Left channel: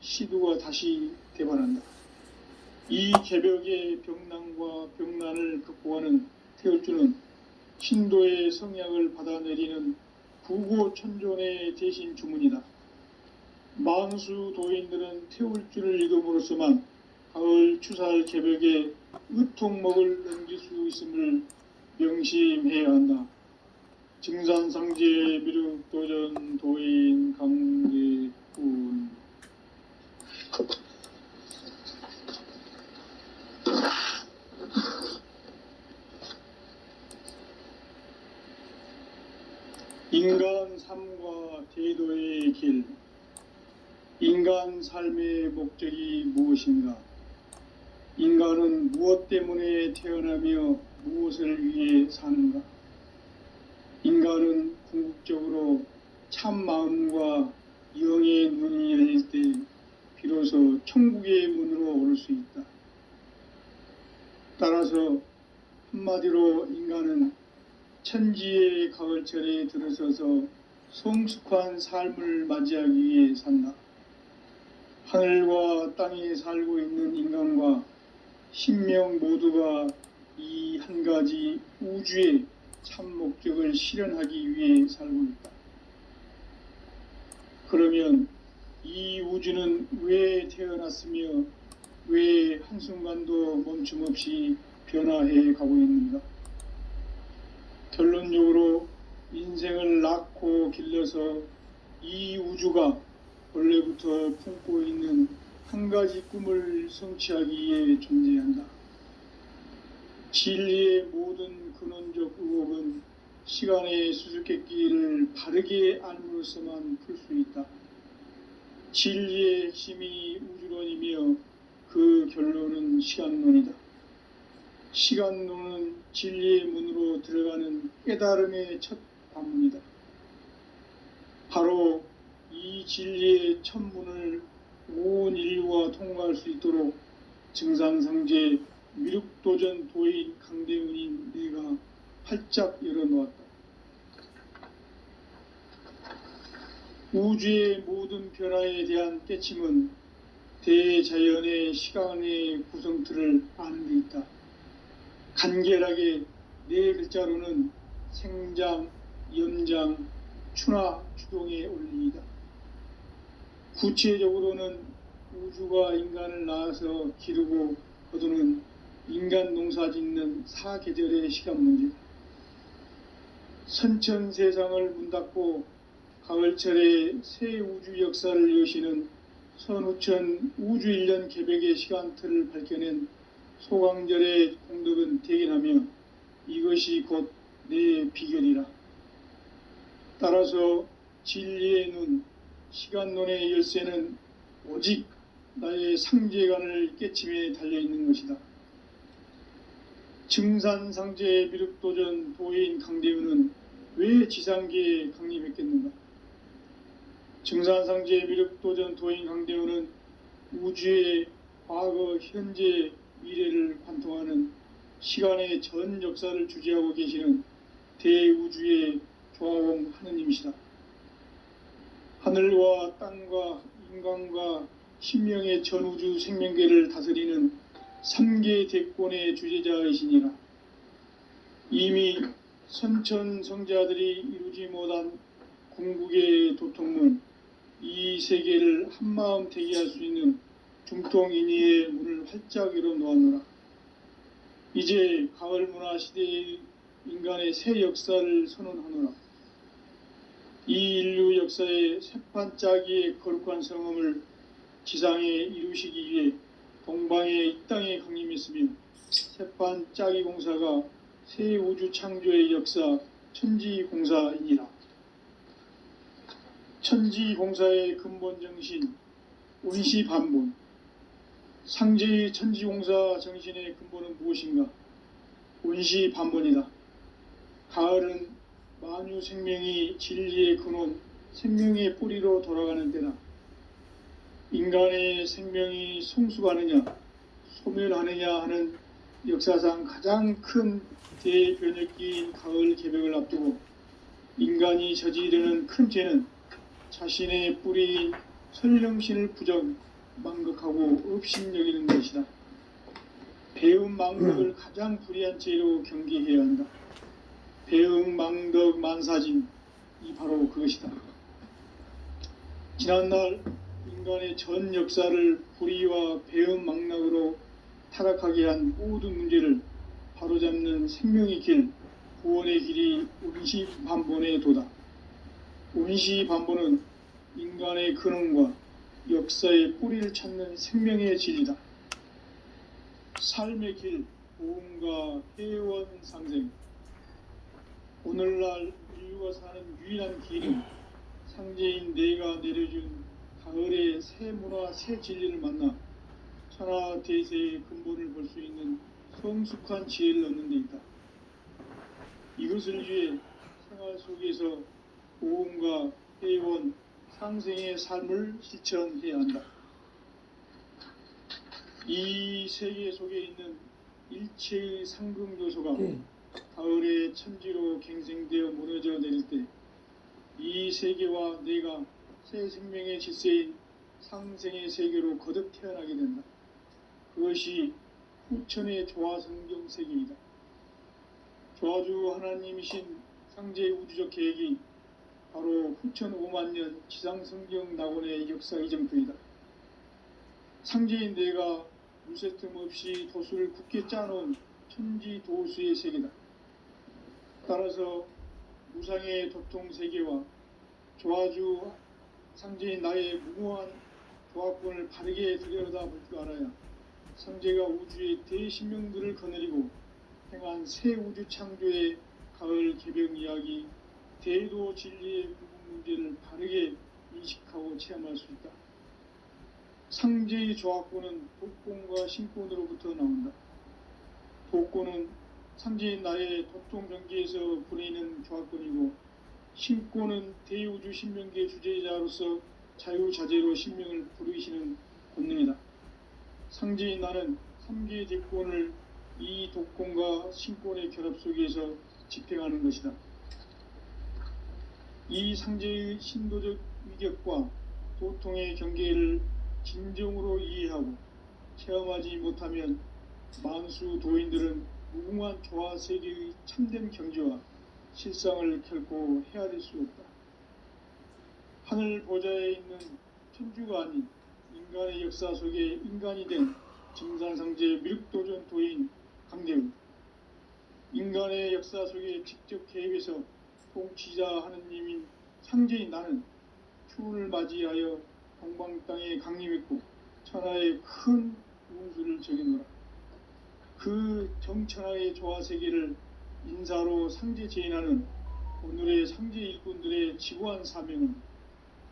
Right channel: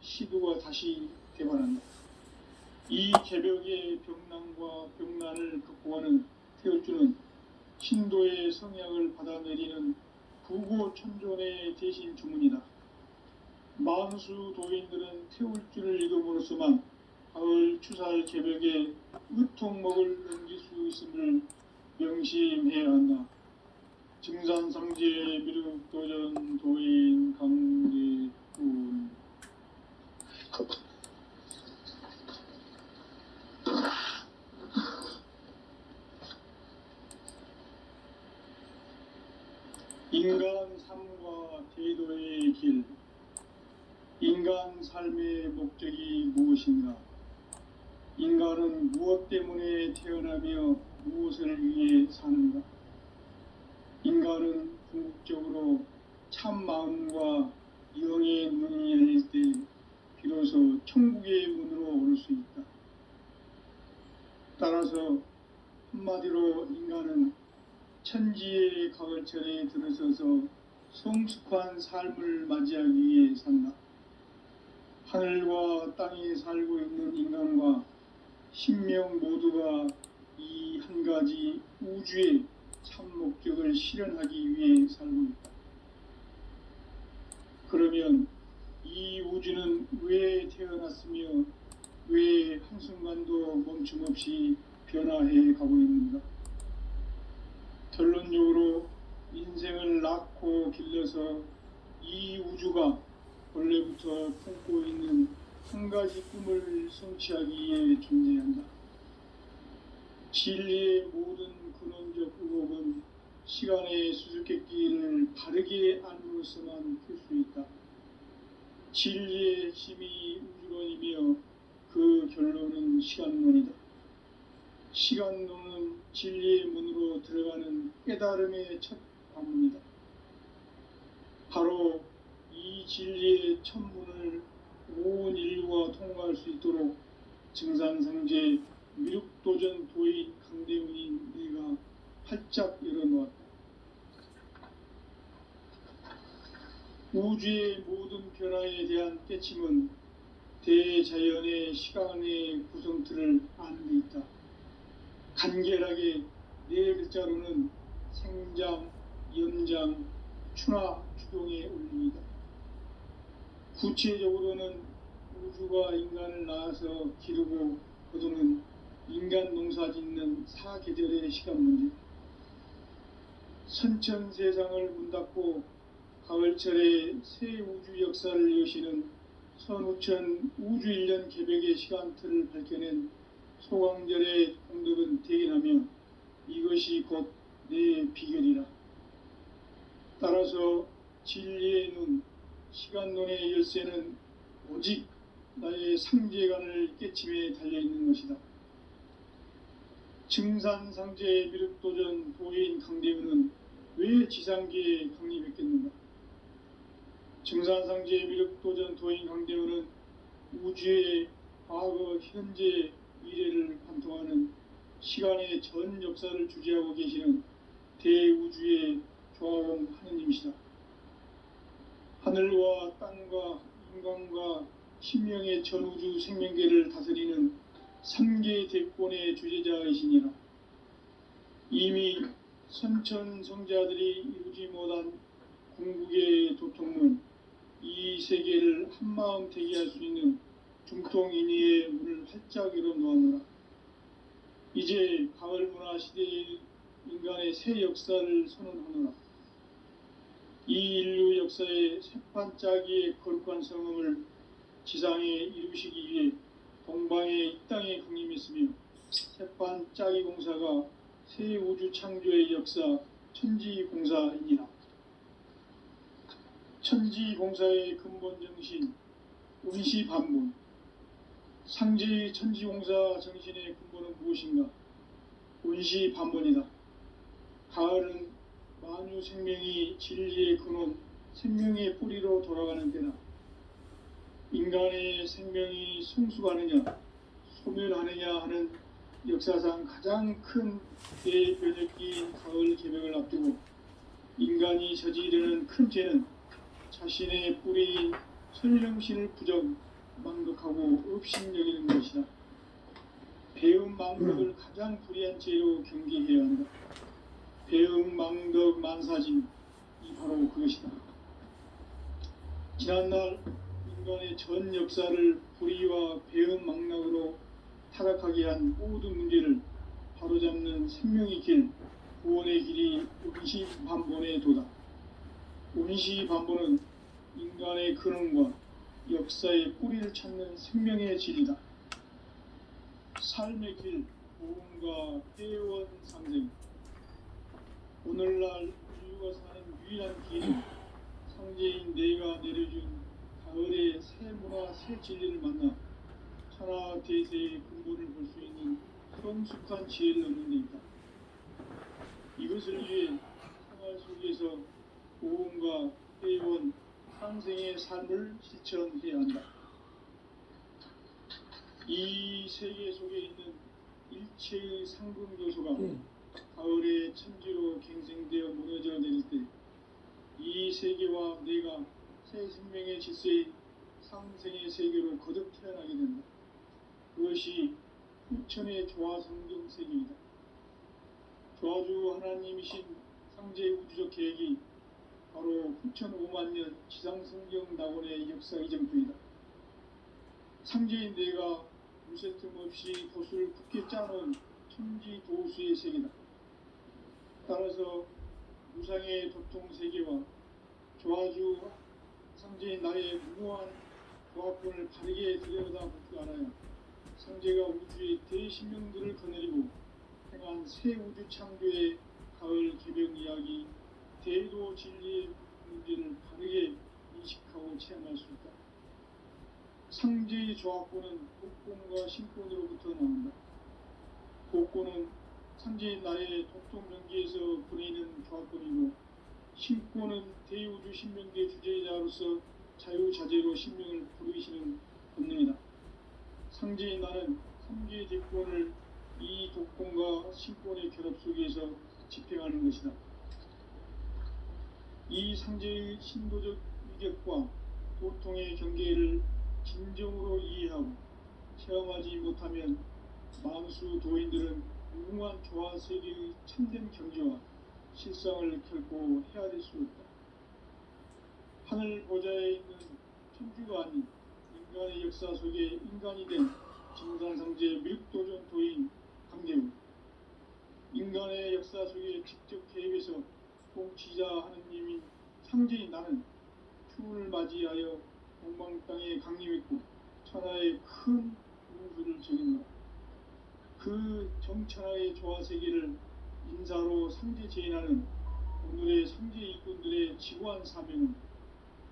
시두가 다시 되발한다. 이 개벽의 병난과 병난을 극복하는 태울주는 신도의 성약을 받아내리는 부고천존의 대신 주문이다. 만수 도인들은 태울주를 읽음으로써만 가을 추살 개벽에 의통목을 넘길 수 있음을 명심해야 한다. 증산상제 미륵도전 도인 강계군. 인간 삶과 제도의 길. 인간 삶의 목적이 무엇인가? 인간은 무엇 때문에 태어나며 무엇을 위해 사는가? 인간은 궁극적으로 참 마음과 영의 문이 열릴 때 비로소 천국의 문으로 오를 수 있다. 따라서 한마디로 인간은 천지의 가을철에 들어서서 성숙한 삶을 맞이하기 위해 산다. 하늘과 땅에 살고 있는 인간과 신명 모두가 이 한 가지 우주의 참 목적을 실현하기 위해 살고 있다. 그러면 이 우주는 왜 태어났으며 왜 한순간도 멈춤없이 변화해 가고 있는가? 결론적으로 인생을 낳고 길러서 이 우주가 원래부터 품고 있는 한 가지 꿈을 성취하기 위해 존재한다. 진리의 모든 근원적 의혹은 시간의 수수께끼를 바르게 알므로서만 풀 수 있다. 진리의 핵심이 우주론이며 그 결론은 시간론이다. 시간론은 진리의 문으로 들어가는 깨달음의 첫 관문이다. 바로 이 진리의 첫 문을 온 인류가 통과할 수 있도록 증산상제 미륵도전 도인 강대훈인 내가 활짝 열어놓았다. 우주의 모든 변화에 대한 깨침은 대자연의 시간의 구성틀을 아는 데 있다. 간결하게 네 글자로는 생장, 연장, 추나 추동의 원리이다. 구체적으로는 우주가 인간을 낳아서 기르고 거두는 인간 농사 짓는 사계절의 시간 문제다. 선천 세상을 문 닫고 가을철에 새 우주 역사를 여시는 선우천 우주 1년 개벽의 시간틀을 밝혀낸 소강절의 공덕은 대견하며 이것이 곧 내 비결이라. 따라서 진리의 눈, 시간론의 열쇠는 오직 나의 상제관을 깨침에 달려있는 것이다. 증산상제 미륵도전 도인 강대훈은 왜 지상계에 강림했겠는가? 증산상제 미륵도전 도인 강대훈은 우주의 과거, 현재, 미래를 관통하는 시간의 전 역사를 주재하고 계시는 대우주의 조화공 하느님이시다. 하늘과 땅과 인간과 신명의 전우주 생명계를 다스리는 3계 대권의 주제자이시니라. 이미 선천성자들이 이루지 못한 궁극의 도통문, 이 세계를 한마음 되게 할 수 있는 중통인의의 문을 활짝 열어놓았노라. 이제 가을 문화 시대의 인간의 새 역사를 선언하노라. 이 인류 역사의 새판짜기의 거룩한 성음을 지상에 이루시기 위해 동방의 이 땅에 강림했으며 새판짜기 공사가 새 우주 창조의 역사 천지공사이니라. 천지공사의 근본 정신 운시반분. 상제의 천지공사 정신의 근본은 무엇인가? 운시반본이다. 가을은 만유 생명이 진리의 근원, 생명의 뿌리로 돌아가는 때다. 인간의 생명이 성숙하느냐, 소멸하느냐 하는 역사상 가장 큰 대변혁기인 가을 개벽을 앞두고 인간이 저지르는 큰 죄는 자신의 뿌리인 설령신을 부정, 망극하고 업신여기는 것이다. 배음 망덕을 가장 불의한 죄로 경계해야 한다. 배음 망덕 만사진, 이 바로 그것이다. 지난날 인간의 전 역사를 불의와 배음 망락으로 타락하게 한 모든 문제를 바로잡는 생명의 길, 구원의 길이 운시반본의 도다. 운시반본은 인간의 근원과 역사의 뿌리를 찾는 생명의 진리다. 삶의 길, 보험과 회원 상생. 오늘날 인류가 사는 유일한 길은 상제인 내가 내려준 가을의 새 문화, 새 진리를 만나 천하 대세의 근본을 볼 수 있는 성숙한 지혜를 얻는 데 있다. 이것을 위해 생활 속에서 보험과 회원, 상생의 삶을 실천해야 한다. 이 세계 속에 있는 일체의 상금 요소가 가을의 천지로 갱생되어 무너져 내릴 때 이 세계와 내가 새 생명의 질서인 상생의 세계로 거듭 태어나게 된다. 그것이 후천의 조화성경 세계이다. 조화주 하나님이신 상제 우주적 계획이 바로 후천 5만년 지상성경 낙원의 역사 이정표이다. 상제인 내가 무쇠틈 없이 도수를 굳게 짜놓은 천지 도수의 세계다. 따라서 무상의 도통 세계와 조화주 상제인 나의 무모한 조합권을 바르게 들여다볼 줄 알아야 상제가 우주의 대신명들을 거느리고 행한 새 우주 창조의 가을 개벽 이야기, 대도 진리의 문제를 바르게 인식하고 체험할 수 있다. 상제의 조합권은 독권과 신권으로부터 나온다. 독권은 상제인 나의 도통정기에서 부리는 조합권이고, 신권은 대우주 신명계 주제자로서 자유자재로 신명을 부르시는 본능이다. 상제인 나는 3개의 대권을 이 독권과 신권의 결합 속에서 집행하는 것이다. 이 상제의 신도적 위격과 도통의 경계를 진정으로 이해하고 체험하지 못하면 만수 도인들은 무궁한 조화 세계의 참된 경지와 실상을 결코 헤아릴 수 없다. 하늘 보좌에 있는 천주가 아닌 인간의 역사 속에 인간이 된 증산상제 밀도전 도인 강대우, 인간의 역사 속에 직접 개입해서 통치자 하느님인 상제인 나는 추운을 맞이하여 동방 땅에 강림했고 천하의 큰 운수를 적이노라. 그 정천하의 조화세계를 인사로 상제 제인하는 오늘의 상제 일꾼들의 지구한 사명은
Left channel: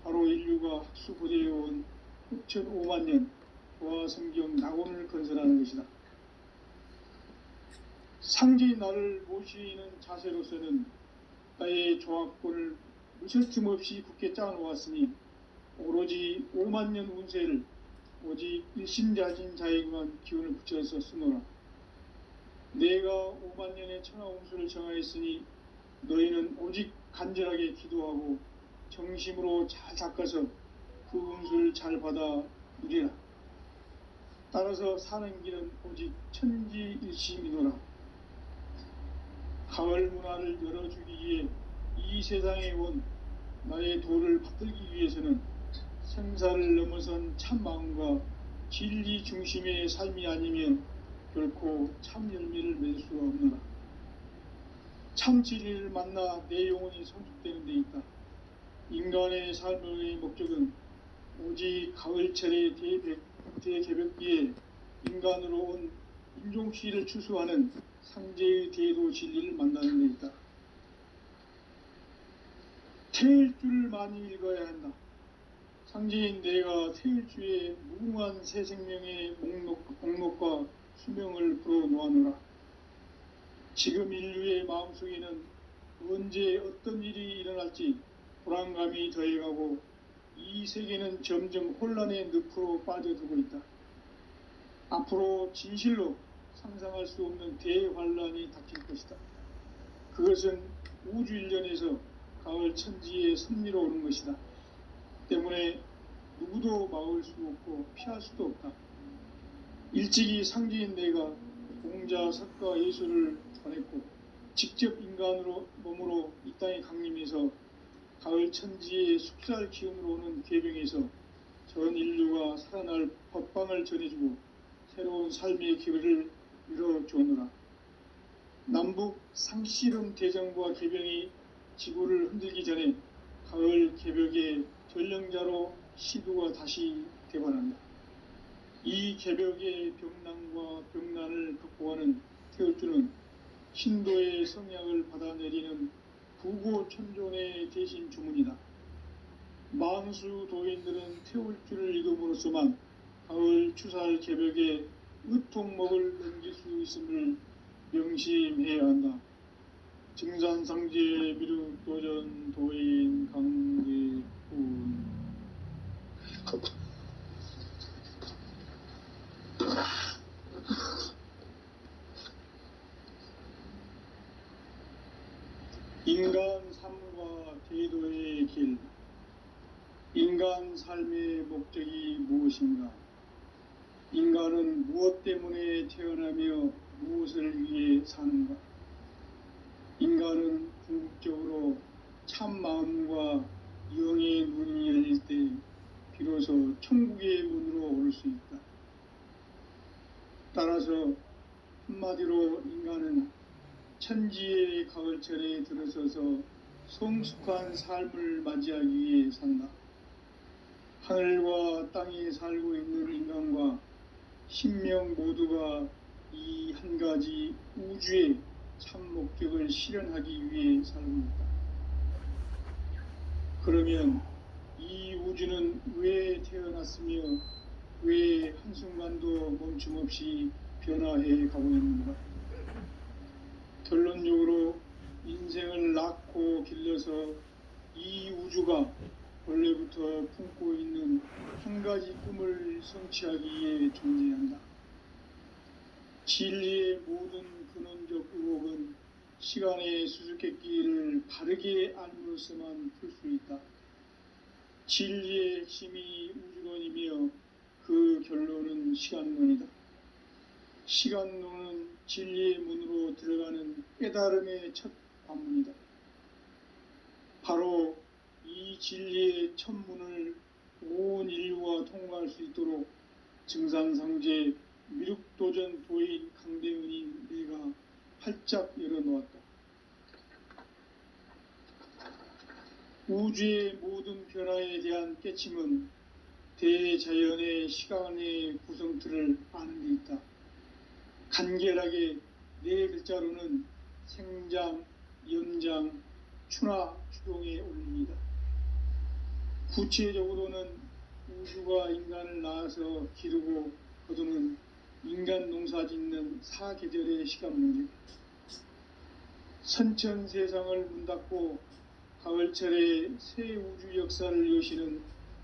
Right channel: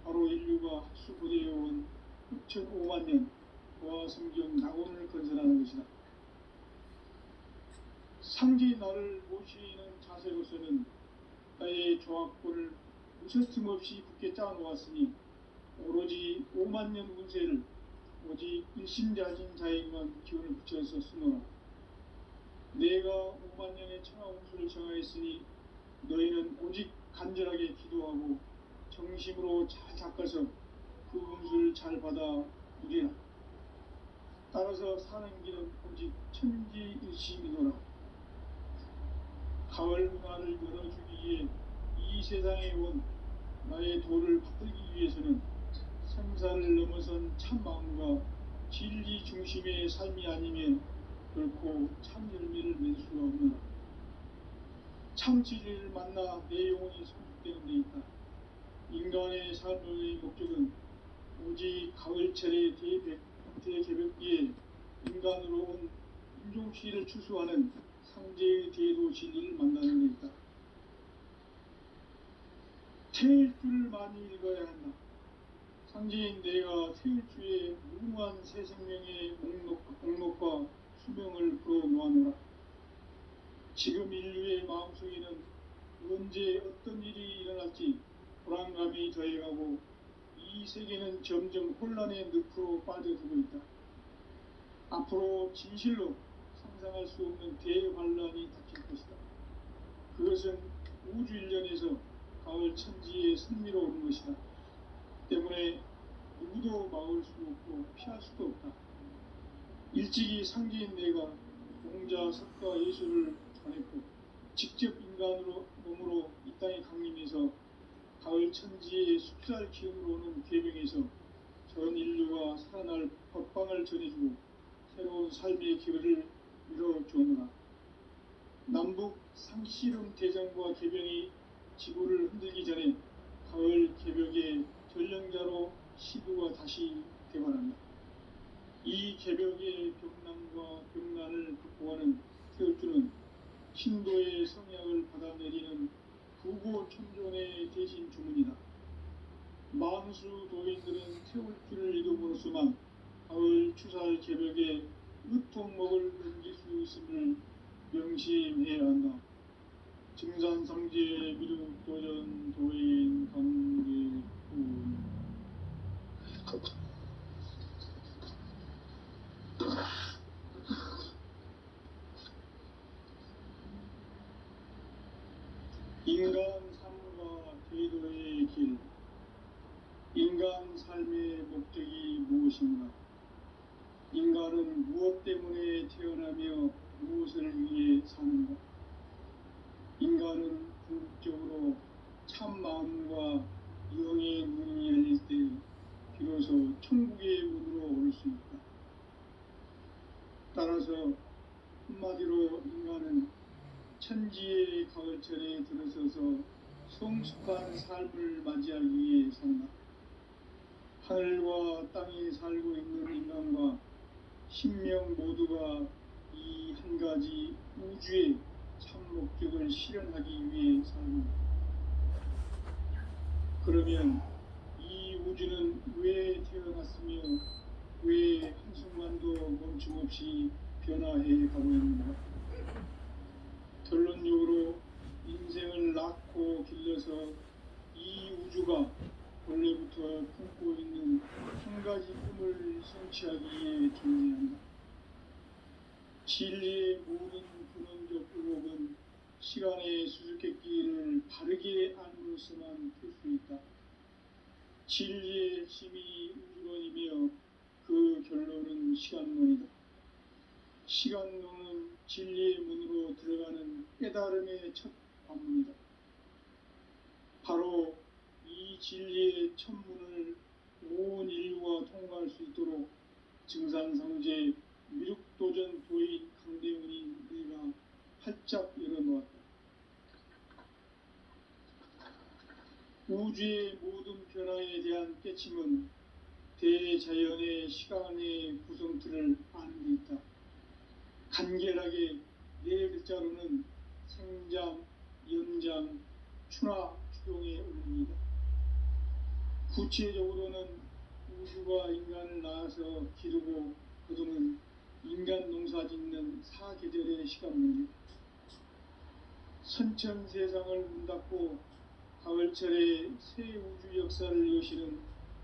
바로 인류가 학수고대해온 6,500년 조화성경 낙원을 건설하는 것이다. 상제인 나를 모시는 자세로서는 나의 조합권을 무쇠틈 없이 굳게 짜놓았으니 오로지 5만년 운세를 오직 일심자진 자에게만 기운을 붙여서 쓰노라. 내가 5만년의 천하 운수를 정하였으니 너희는 오직 간절하게 기도하고 정심으로 잘 닦아서 그 운수를 잘 받아 누리라. 따라서 사는 길은 오직 천지일심이노라. 가을 문화를 열어주기 위해 이 세상에 온 나의 도를 받들기 위해서는 생사를 넘어선 참 마음과 진리 중심의 삶이 아니면 결코 참 열매를 맺을 수가 없노라. 참 진리를 만나 내 영혼이 성숙되는 데 있다. 인간의 삶의 목적은 오직 가을철의 대개벽기에 인간으로 온 인종시를 추수하는 상제의 대도 진리를 만나는 데 있다. 태일주를 많이 읽어야 한다. 상제인 내가 태일주의 무궁한 새 생명의 목록과 수명을 불어놓아노라. 지금 인류의 마음속에는 언제 어떤 일이 일어날지 불안감이 더해가고 이 세계는 점점 혼란의 늪으로 빠져들고 있다. 앞으로 진실로 상상할 수 없는 대환란이 닥칠 것이다. 그것은 우주 일련에서 가을 천지의 섭리로 오는 것이다. 때문에 누구도 막을 수 없고 피할 수도 없다. 일찍이 상제인 내가 공자, 석가, 예술을 전했고 직접 인간으로 몸으로 이 땅에 강림해서 가을 천지의 숲살 기운으로 오는 계병에서 전 인류가 살아날 법방을 전해주고 새로운 삶의 기회를 열어주느라. 남북 상실은 대전과 계병이 지구를 흔들기 전에 가을 개벽의 전령자로 시두가 다시 되관한다. 이 개벽의 병난과 병난을 극복하는 태울주는 신도의 성약을 받아내리는 구고천종의 대신 주문이다. 만수 도인들은 태울주를 이름으로서만 가을 추살 개벽에 으통목을 넘길 수 있음을 명심해야 한다. 증산상제 미륵도전 도인 강대훈. 인간 삶과 대도의 길. 인간 삶의 목적이 무엇인가? 인간은 무엇 때문에 태어나며 무엇을 위해 사는가? 인간은 궁극적으로 참 마음과 영의 문이 열릴 때 비로소 천국의 문으로 올 수 있다. 따라서 한마디로 인간은 천지의 가을철에 들어서서 성숙한 삶을 맞이하기 위해 산다. 하늘과 땅에 살고 있는 인간과 신명 모두가 이 한 가지 우주의 참 목적을 실현하기 위해 살고 있다. 그러면 이 우주는 왜 태어났으며 왜 한순간도 멈춤없이 변화해 가고 있는가? 결론적으로 인생을 낳고 길러서 이 우주가 원래부터 품고 있는 한 가지 꿈을 성취하기 위해 존재한다. 진리의 모든 근원적 의혹은 시간의 수수께끼를 바르게 알므로서만 풀 수 있다. 진리의 핵심이 우주론이며 그 결론은 시간론이다. 시간론은 진리의 문으로 들어가는 깨달음의 첫 관문이다. 바로 이 진리의 첫 문을 온 인류가 통과할 수 있도록 증산상제 미륵도전 도인 강대훈이 내가 활짝 열어놓았다. 우주의 모든 변화에 대한 깨침은 대자연의 시간의 구성틀을 아는 데 있다. 간결하게 네 글자로는 생장, 연장, 추나 추동에 올립니다. 구체적으로는 우주가 인간을 낳아서 기르고 거두는 인간 농사 짓는 사계절의 시간문이다. 선천 세상을 문닫고 가을철에 새 우주 역사를 여시는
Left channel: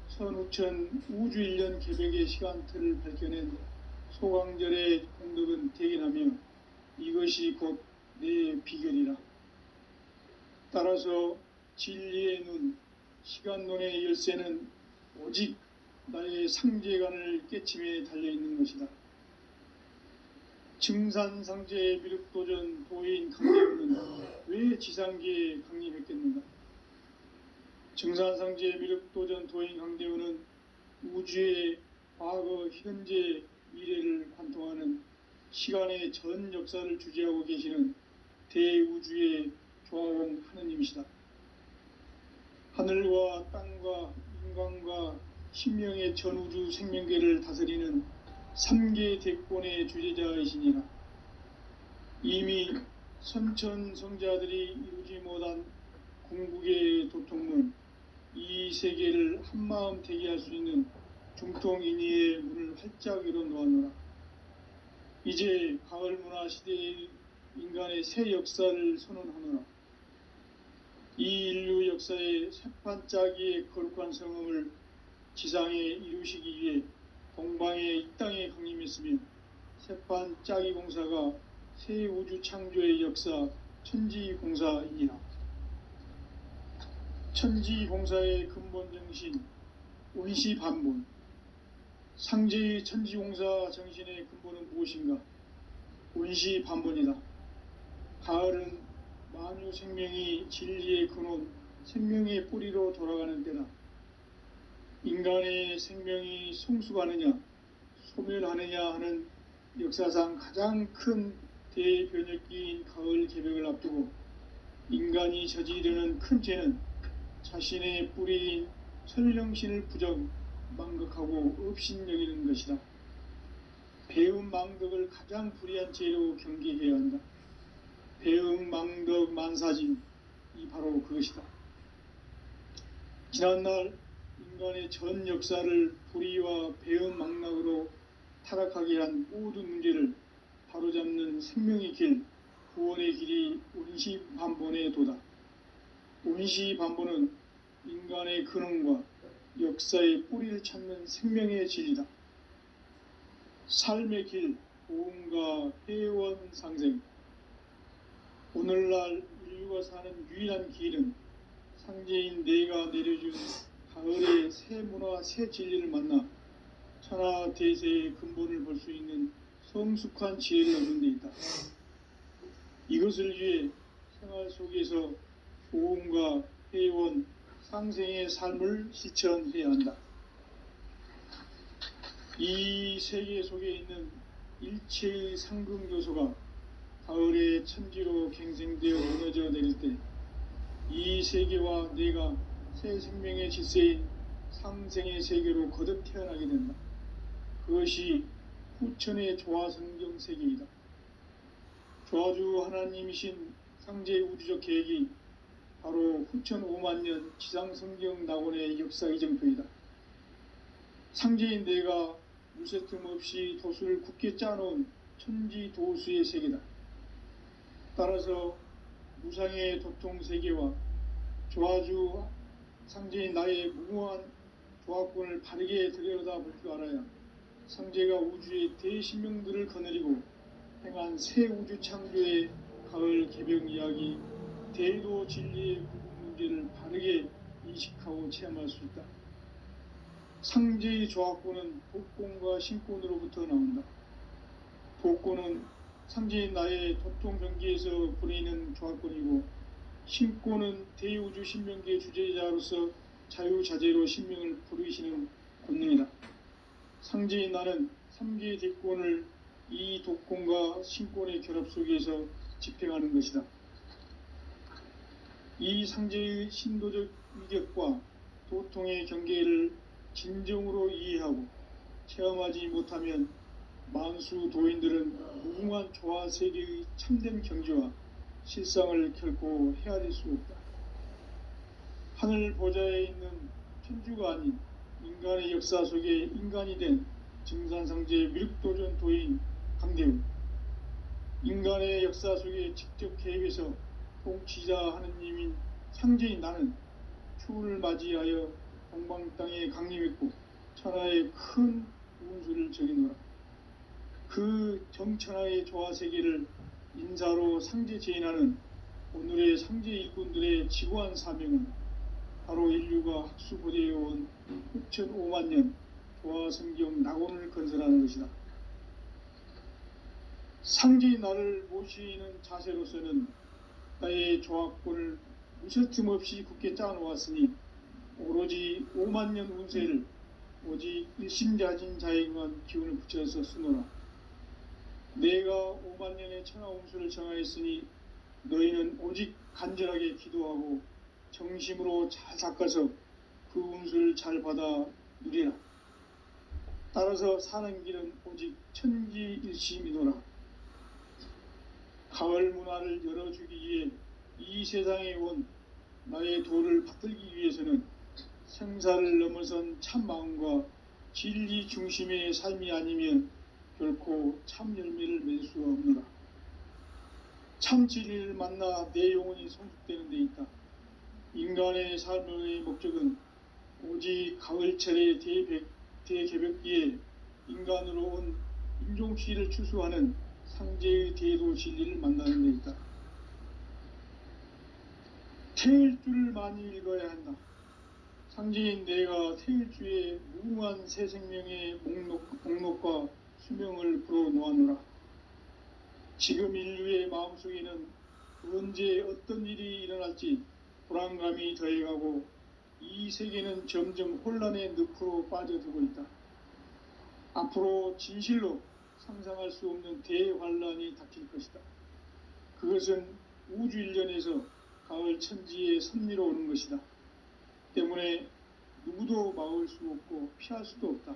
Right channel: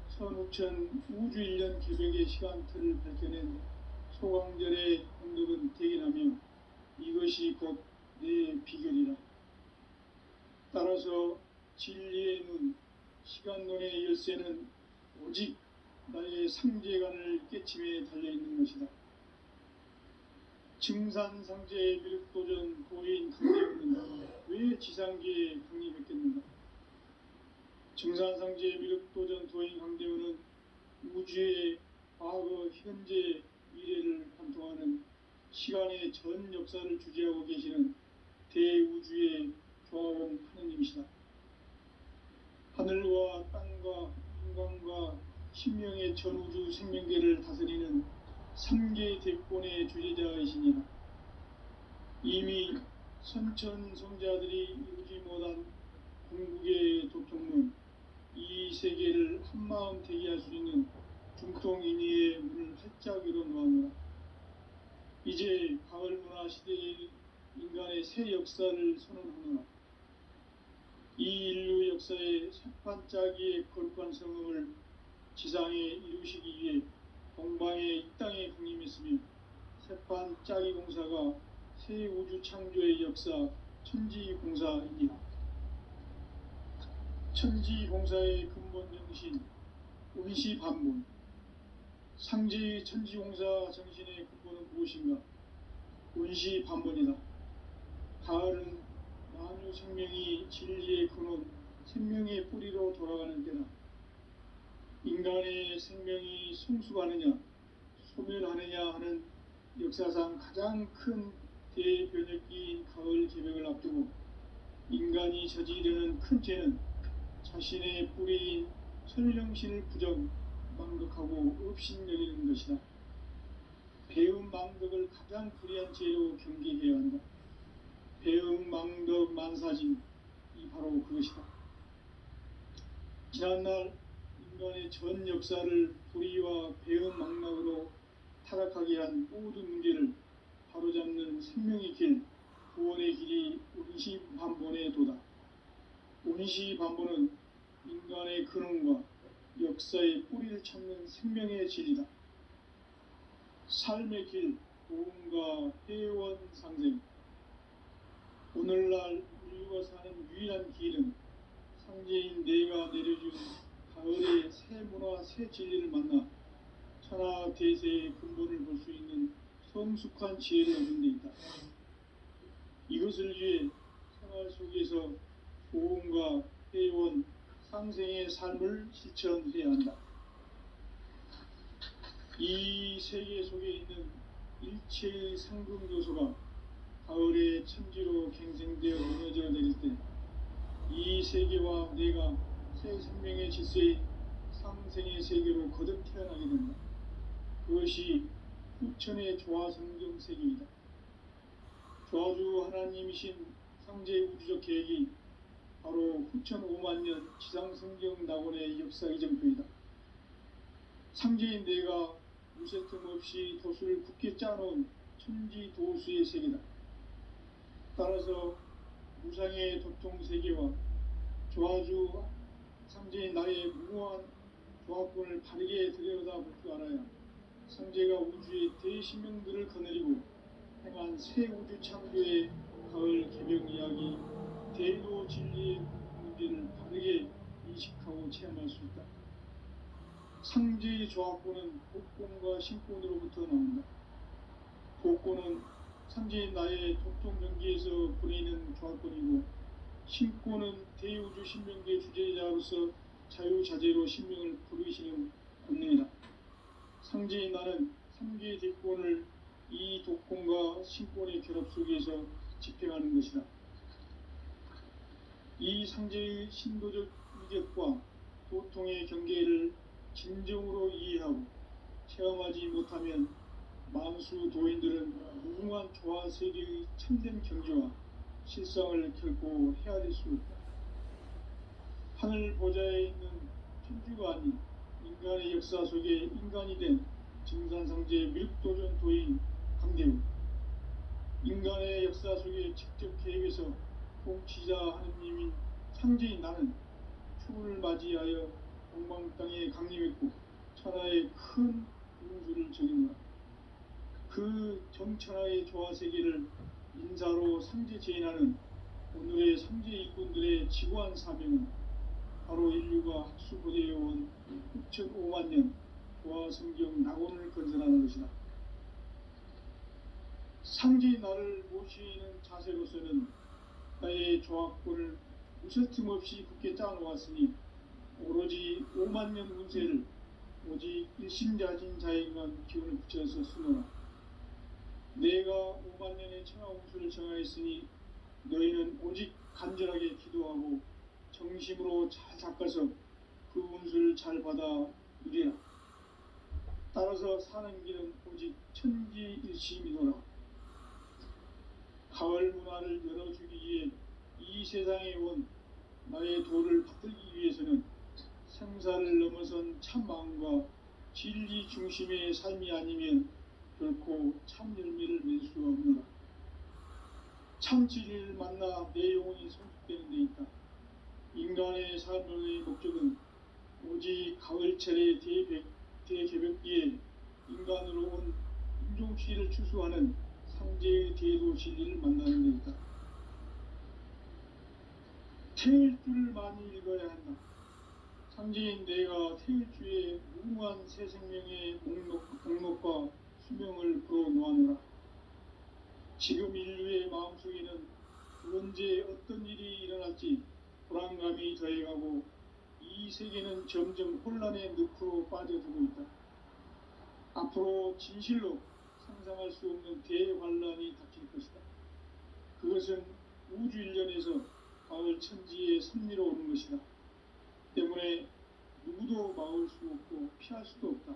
선우천 우주 1년 개벽의 시간틀을 밝혀낸 소강절의 공덕은 대견하며 이것이 곧 내 비결이라. 따라서 진리의 눈, 시간론의 열쇠는 오직 나의 상제관을 깨침에 달려있는 것이다. 증산상제의 미륵도전 도인 강대훈은 왜 지상계에 강림했겠는가? 증산상제의 미륵도전 도인 강대훈은 우주의 과거, 현재, 미래를 관통하는 시간의 전 역사를 주재하고 계시는 대우주의 조화원 하느님이시다. 하늘과 땅과 인간과 신명의 전우주 생명계를 다스리는 3계 대권의 주제자이시니라. 이미 선천성자들이 이루지 못한 궁극의 도통문, 이 세계를 한마음 되게 할 수 있는 중통인의의 문을 활짝 열어놓았노라. 이제 가을 문화 시대의 인간의 새 역사를 선언하노라. 이 인류 역사의 새판짜기의 거룩한 성음을 지상에 이루시기 위해 동방의 이 땅에 강림했으며 새판짜기 공사가 새 우주 창조의 역사 천지공사이니라. 천지공사의 근본 정신, 원시반본, 상제의 천지공사 정신의 근본은 무엇인가? 원시반본이다. 가을은 만유 생명이 진리의 근원, 생명의 뿌리로 돌아가는 때다. 인간의 생명이 성숙하느냐 소멸하느냐 하는 역사상 가장 큰 대변혁기인 가을 개벽을 앞두고 인간이 저지르는 큰 죄는 자신의 뿌리인 설령신을 부정 망극하고 업신여기는 것이다. 배음 망덕을 가장 불의한 죄로 경계해야 한다. 배음 망덕 만사진이 바로 그것이다. 지난날 인간의 전 역사를 불의와 배음 망락으로 타락하게 한 모든 문제를 바로잡는 생명의 길, 구원의 길이 원시반본의 도다. 원시반본은 인간의 근원과 역사의 뿌리를 찾는 생명의 진리다. 삶의 길, 보험과 회원 상생. 오늘날 인류가 사는 유일한 길은 상제인 내가 내려준 가을의 새 문화, 새 진리를 만나 천하 대세의 근본을 볼 수 있는 성숙한 지혜를 얻는 데 있다. 이것을 위해 생활 속에서 보험과 회원, 상생의 삶을 실천해야 한다. 이 세계 속에 있는 일체의 상금 요소가 가을의 천지로 갱생되어 무너져 내릴 때 이 세계와 내가 새 생명의 질서인 상생의 세계로 거듭 태어나게 된다. 그것이 후천의 조화성경 세계이다. 조화주 하나님이신 상제의 우주적 계획이 바로 후천 5만년 지상성경 낙원의 역사 이정표이다. 상제인 내가 무쇠틈 없이 도수를 굳게 짜놓은 천지도수의 세계다. 따라서 무상의 도통세계와 조화주 상제인 나의 무모한 조합권을 바르게 들여다볼 줄 알아야 상제가 우주의 대신명들을 거느리고 행한 새 우주 창조의 가을 개벽 이야기, 대도 진리의 문제를 바르게 인식하고 체험할 수 있다. 상제의 조합권은 복권과 신권으로부터 나온다. 복권은 상제인 나의 도통경계에서 보내는 조합권이고, 신권은 대우주 신명계 주제자로서 자유자재로 신명을 부르시는 권능이다. 상제인 나는 3개의 대권을 이 도권과 신권의 결합 속에서 집행하는 것이다. 이 상제의 신도적 위격과 도통의 경계를 진정으로 이해하고 체험하지 못하면 만수 도인들은 무궁한 조화 세계의 참된 경지와 실상을 결코 헤아릴 수 없다. 하늘 보좌에 있는 천주가 아닌 인간의 역사 속에 인간이 된 증산상제 미륵도전 도인 강대우, 인간의 역사 속에 직접 개입해서 통치자 하느님인 상제인 나는 추운을 맞이하여 동방 땅에 강림했고 천하의 큰 운수를 적이노라. 그 정천하의 조화세계를 인사로 상제 제인하는 오늘의 상제 일꾼들의 지고한 사명은 바로 인류가 학수고대해온 6,500년 조화성경 낙원을 건설하는 것이다. 상제의 나를 모시는 자세로서는 나의 조합권을 무쇠틈 없이 굳게 짜놓았으니 오로지 5만년 운세를 오직 일심자진 자에게만 기운을 붙여서 쓰노라. 내가 5만년의 천하 운수를 정하였으니 너희는 오직 간절하게 기도하고 정심으로 잘 닦아서 그 운수를 잘 받아 누리라. 따라서 사는 길은 오직 천지일심이노라. 가을 문화를 열어주기 위해 이 세상에 온 나의 도를 받들기 위해서는 생사를 넘어선 참 마음과 진리 중심의 삶이 아니면 결코 참 열매를 맺을 수가 없노라. 참 진리를 만나 내 영혼이 성숙되는 데 있다. 인간의 삶의 목적은 오직 가을철의 대개벽기에 인간으로 온 인종시를 추수하는 상제의 대도 진리를 만나는 데 있다. 태일 줄을 많이 읽어야 한다. 상제인 내가 태일주의 무궁한 새 생명의 목록과 수명을 불어놓아노라. 지금 인류의 마음속에는 언제 어떤 일이 일어날지 불안감이 더해가고 이 세계는 점점 혼란의 늪으로 빠져들고 있다. 앞으로 진실로 상상할 수 없는 대환란이 닥칠 것이다. 그것은 우주 일련에서 가을 천지의 섭리로 오는 것이다. 때문에 누구도 막을 수 없고 피할 수도 없다.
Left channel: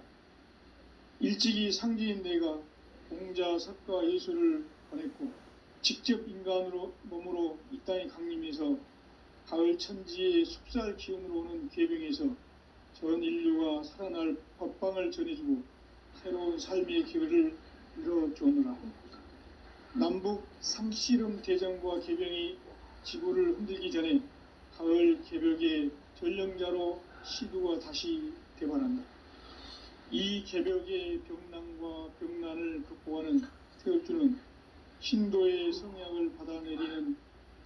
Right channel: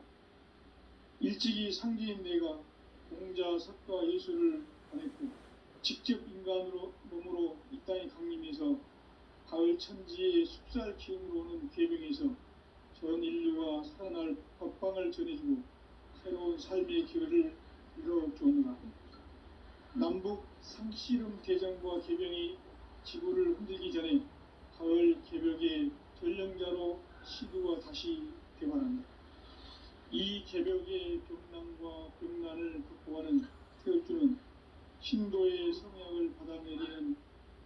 일찍이 상제인 내가 공자, 석가, 예수를 보냈고 직접 인간으로 몸으로 이 땅에 강림해서 가을 천지의 숲살 기운으로 오는 계명에서 전 인류가 살아날 법방을 전해주고 새로운 삶의 기회를 이뤄주느라. 남북 삼씨름 대전과 개병이 지구를 흔들기 전에 가을 개벽의 전령자로 시두가 다시 되관한다. 이 개벽의 병난과 병난을 극복하는 태울주는 신도의 성약을 받아내리는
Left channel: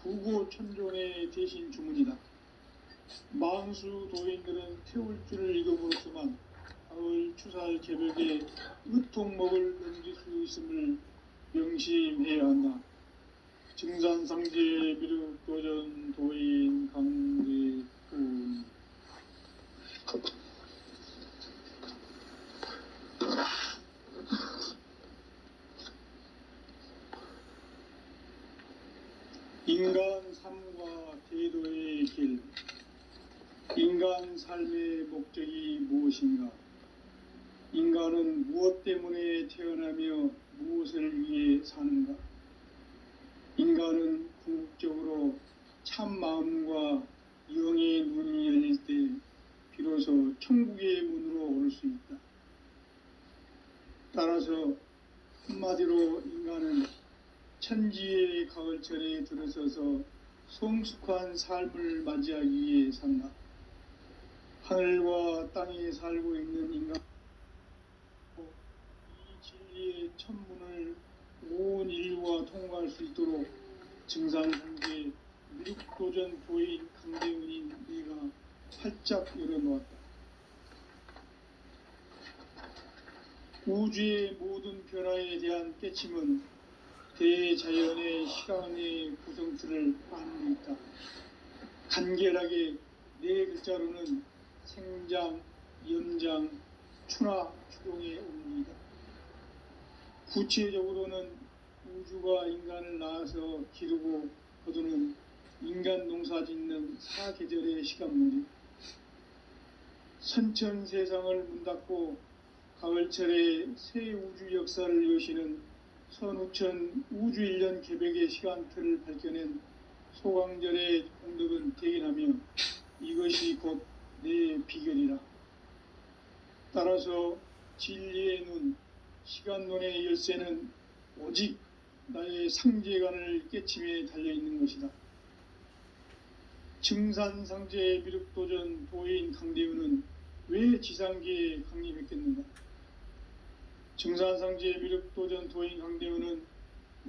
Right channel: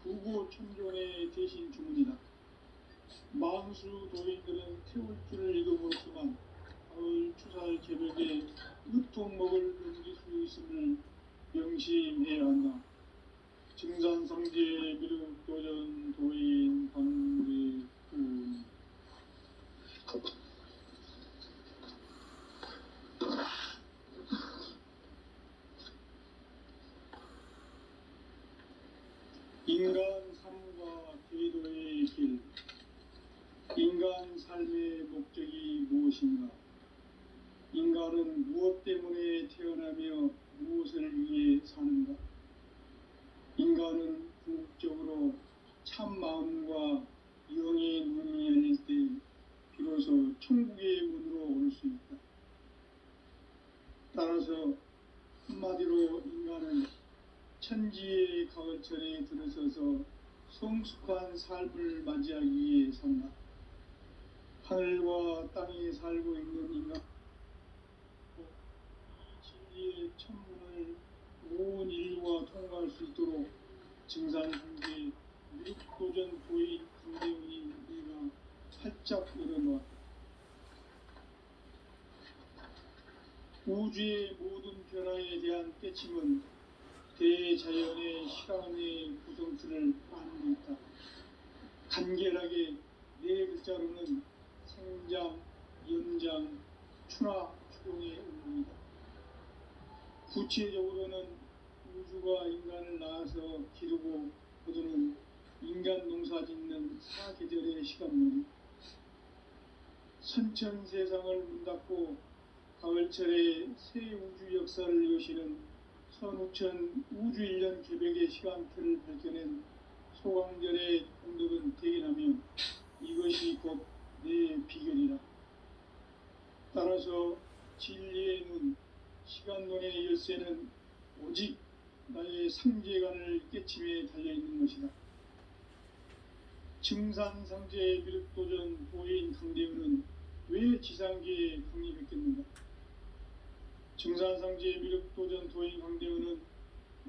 구고천종의 대신 주문이다. 만수 도인들은 태울주를 읽어보았지만 가을 추살 개벽에 으통먹을 넘길 수 있음을 명심해야 한다. 증산상제 미륵도전 도인 강제군. 인간 삶과 대도의 길. 인간 삶의 목적이 무엇인가? 인간은 무엇 때문에 태어나며 무엇을 위해 사는가? 인간은 궁극적으로 참 마음과 영의 눈이 열릴 때 비로소 천국의 문으로 올 수 있다. 따라서 한마디로 인간은 천지의 가을철에 들어서서 성숙한 삶을 맞이하기 위해 산다. 하늘과 땅에 살고 있는 인간, 이 진리의 천문을 온 인류가 통과할 수 있도록 증산상제 미륵도전 도인 강대훈인 우리가 활짝 열어놓았다. 우주의 모든 변화에 대한 깨침은 대자연의 실황의 구성틀을 안고 있다. 간결하게 네 글자로는 생장, 연장, 추나, 추동의 의미이다. 구체적으로는 우주가 인간을 낳아서 기르고 거두는 인간 농사 짓는 사계절의 시간물이 선천 세상을 문 닫고 가을철에 새 우주 역사를 여시는 선우천 우주일년 개벽의 시간틀을 밝혀낸 소강절의 공덕은 대견하며 이것이 곧 내 비결이라. 따라서 진리의 눈, 시간론의 열쇠는 오직 나의 상제관을 깨침에 달려있는 것이다. 증산상제 미륵도전 도인 강대훈은 왜 지상계에 강림했겠는가? 증산상제 미륵도전 도인 강대훈은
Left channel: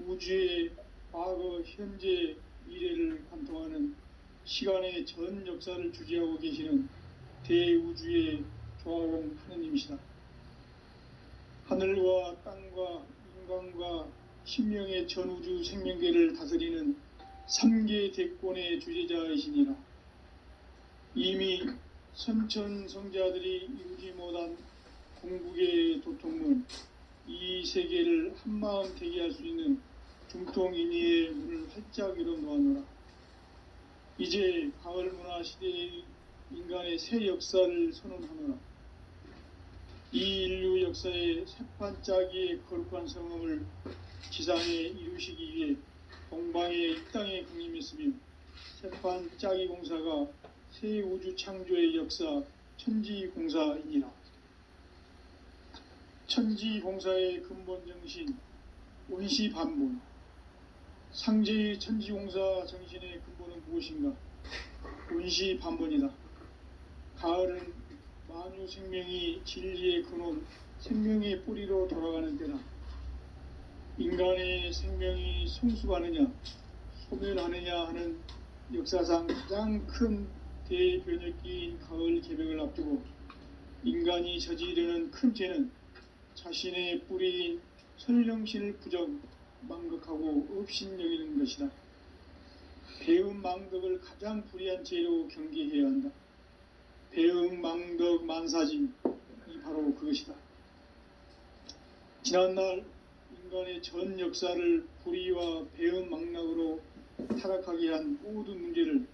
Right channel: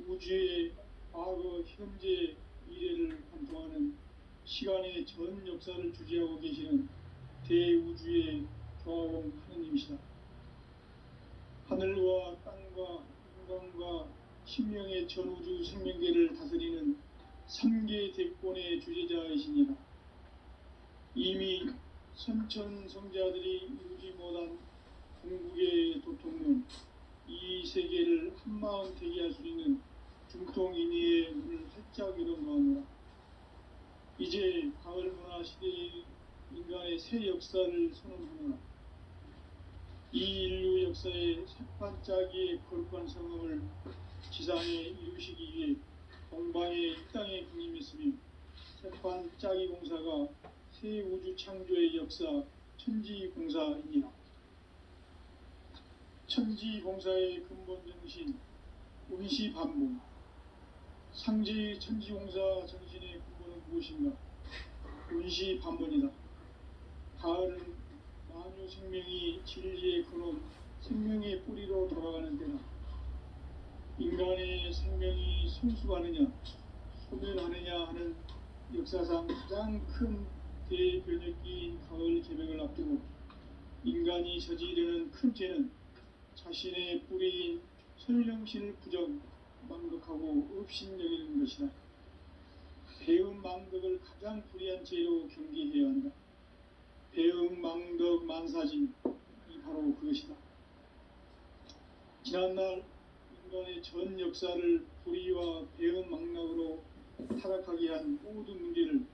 우주의 과거, 현재, 미래를 관통하는 시간의 전 역사를 주재하고 계시는 대우주의 조화공 하느님이시다. 하늘과 땅과 인간과 신명의 전우주 생명계를 다스리는 3계 대권의 주제자이시니라. 이미 선천성자들이 이루지 못한 궁극의 도통문, 이 세계를 한마음 되게 할 수 있는 중통인의의 문을 활짝 열어놓아노라. 이제 가을 문화 시대의 인간의 새 역사를 선언하노라. 이 인류 역사의 새판짜기의 거룩한 성음을 지상에 이루시기 위해 동방의 이 땅에 강림했으며 새판짜기 공사가 새 우주 창조의 역사 천지공사이니라. 천지공사의 근본 정신 원시반복. 상제의 천지공사 정신의 근본은 무엇인가? 원시반복이다. 가을은 만유 생명이 진리의 근원, 생명의 뿌리로 돌아가는 때다. 인간의 생명이 성숙하느냐, 소멸하느냐 하는 역사상 가장 큰 대변혁기인 가을 개벽을 앞두고 인간이 저지르는 큰 죄는 자신의 뿌리인 설령신을 부정 망극하고 업신여기는 것이다. 배음 망덕을 가장 불의한 죄로 경계해야 한다. 배음 망덕 만사진이 바로 그것이다. 지난날 인간의 전 역사를 불의와 배음 망락으로 타락하게 한 모든 문제를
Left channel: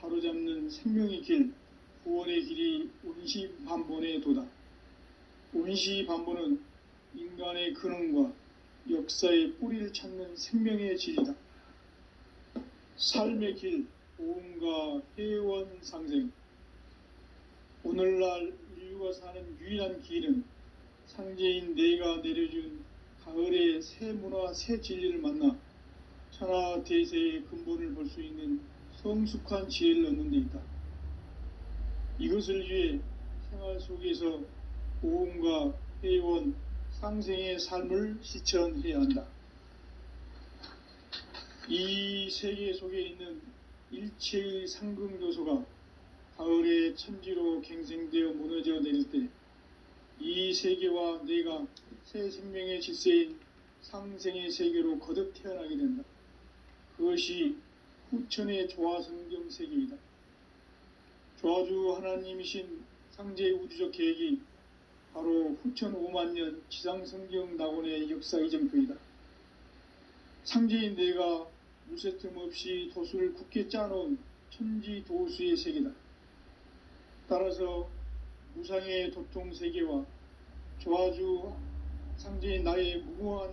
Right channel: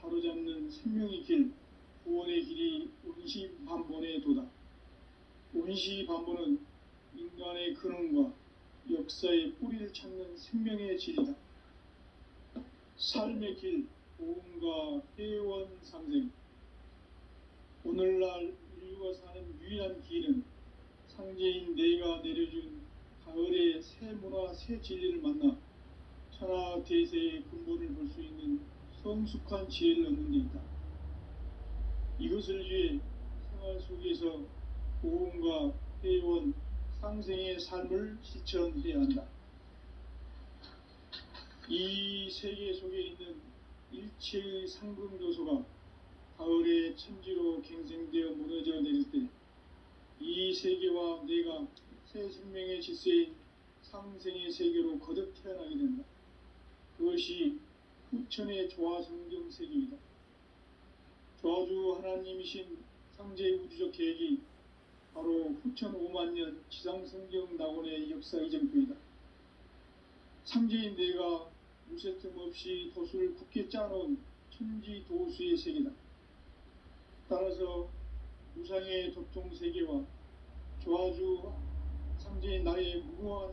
바로잡는 생명의 길, 구원의 길이 운시반본의 도다. 운시반본은 인간의 근원과 역사의 뿌리를 찾는 생명의 질이다. 삶의 길, 보험과 회원 상생. 오늘날 인류가 사는 유일한 길은 상제인 내가 내려준 가을의 새 문화, 새 진리를 만나 천하 대세의 근본을 볼 수 있는 성숙한 지혜를 얻는 데 있다. 이것을 위해 생활 속에서 보험과 회원, 상생의 삶을 실천해야 한다. 이 세계 속에 있는 일체의 상금 요소가 가을의 천지로 갱생되어 무너져 내릴 때 이 세계와 내가 새 생명의 질서인 상생의 세계로 거듭 태어나게 된다. 그것이 후천의 조화성경 세계이다. 조화주 하나님이신 상제의 우주적 계획이 바로 후천 5만년 지상성경 낙원의 역사 이정표이다. 상제인 내가 무쇠틈 없이 도수를 굳게 짜놓은 천지 도수의 세계다. 따라서 무상의 도통 세계와 조화주 상제인 나의 무궁한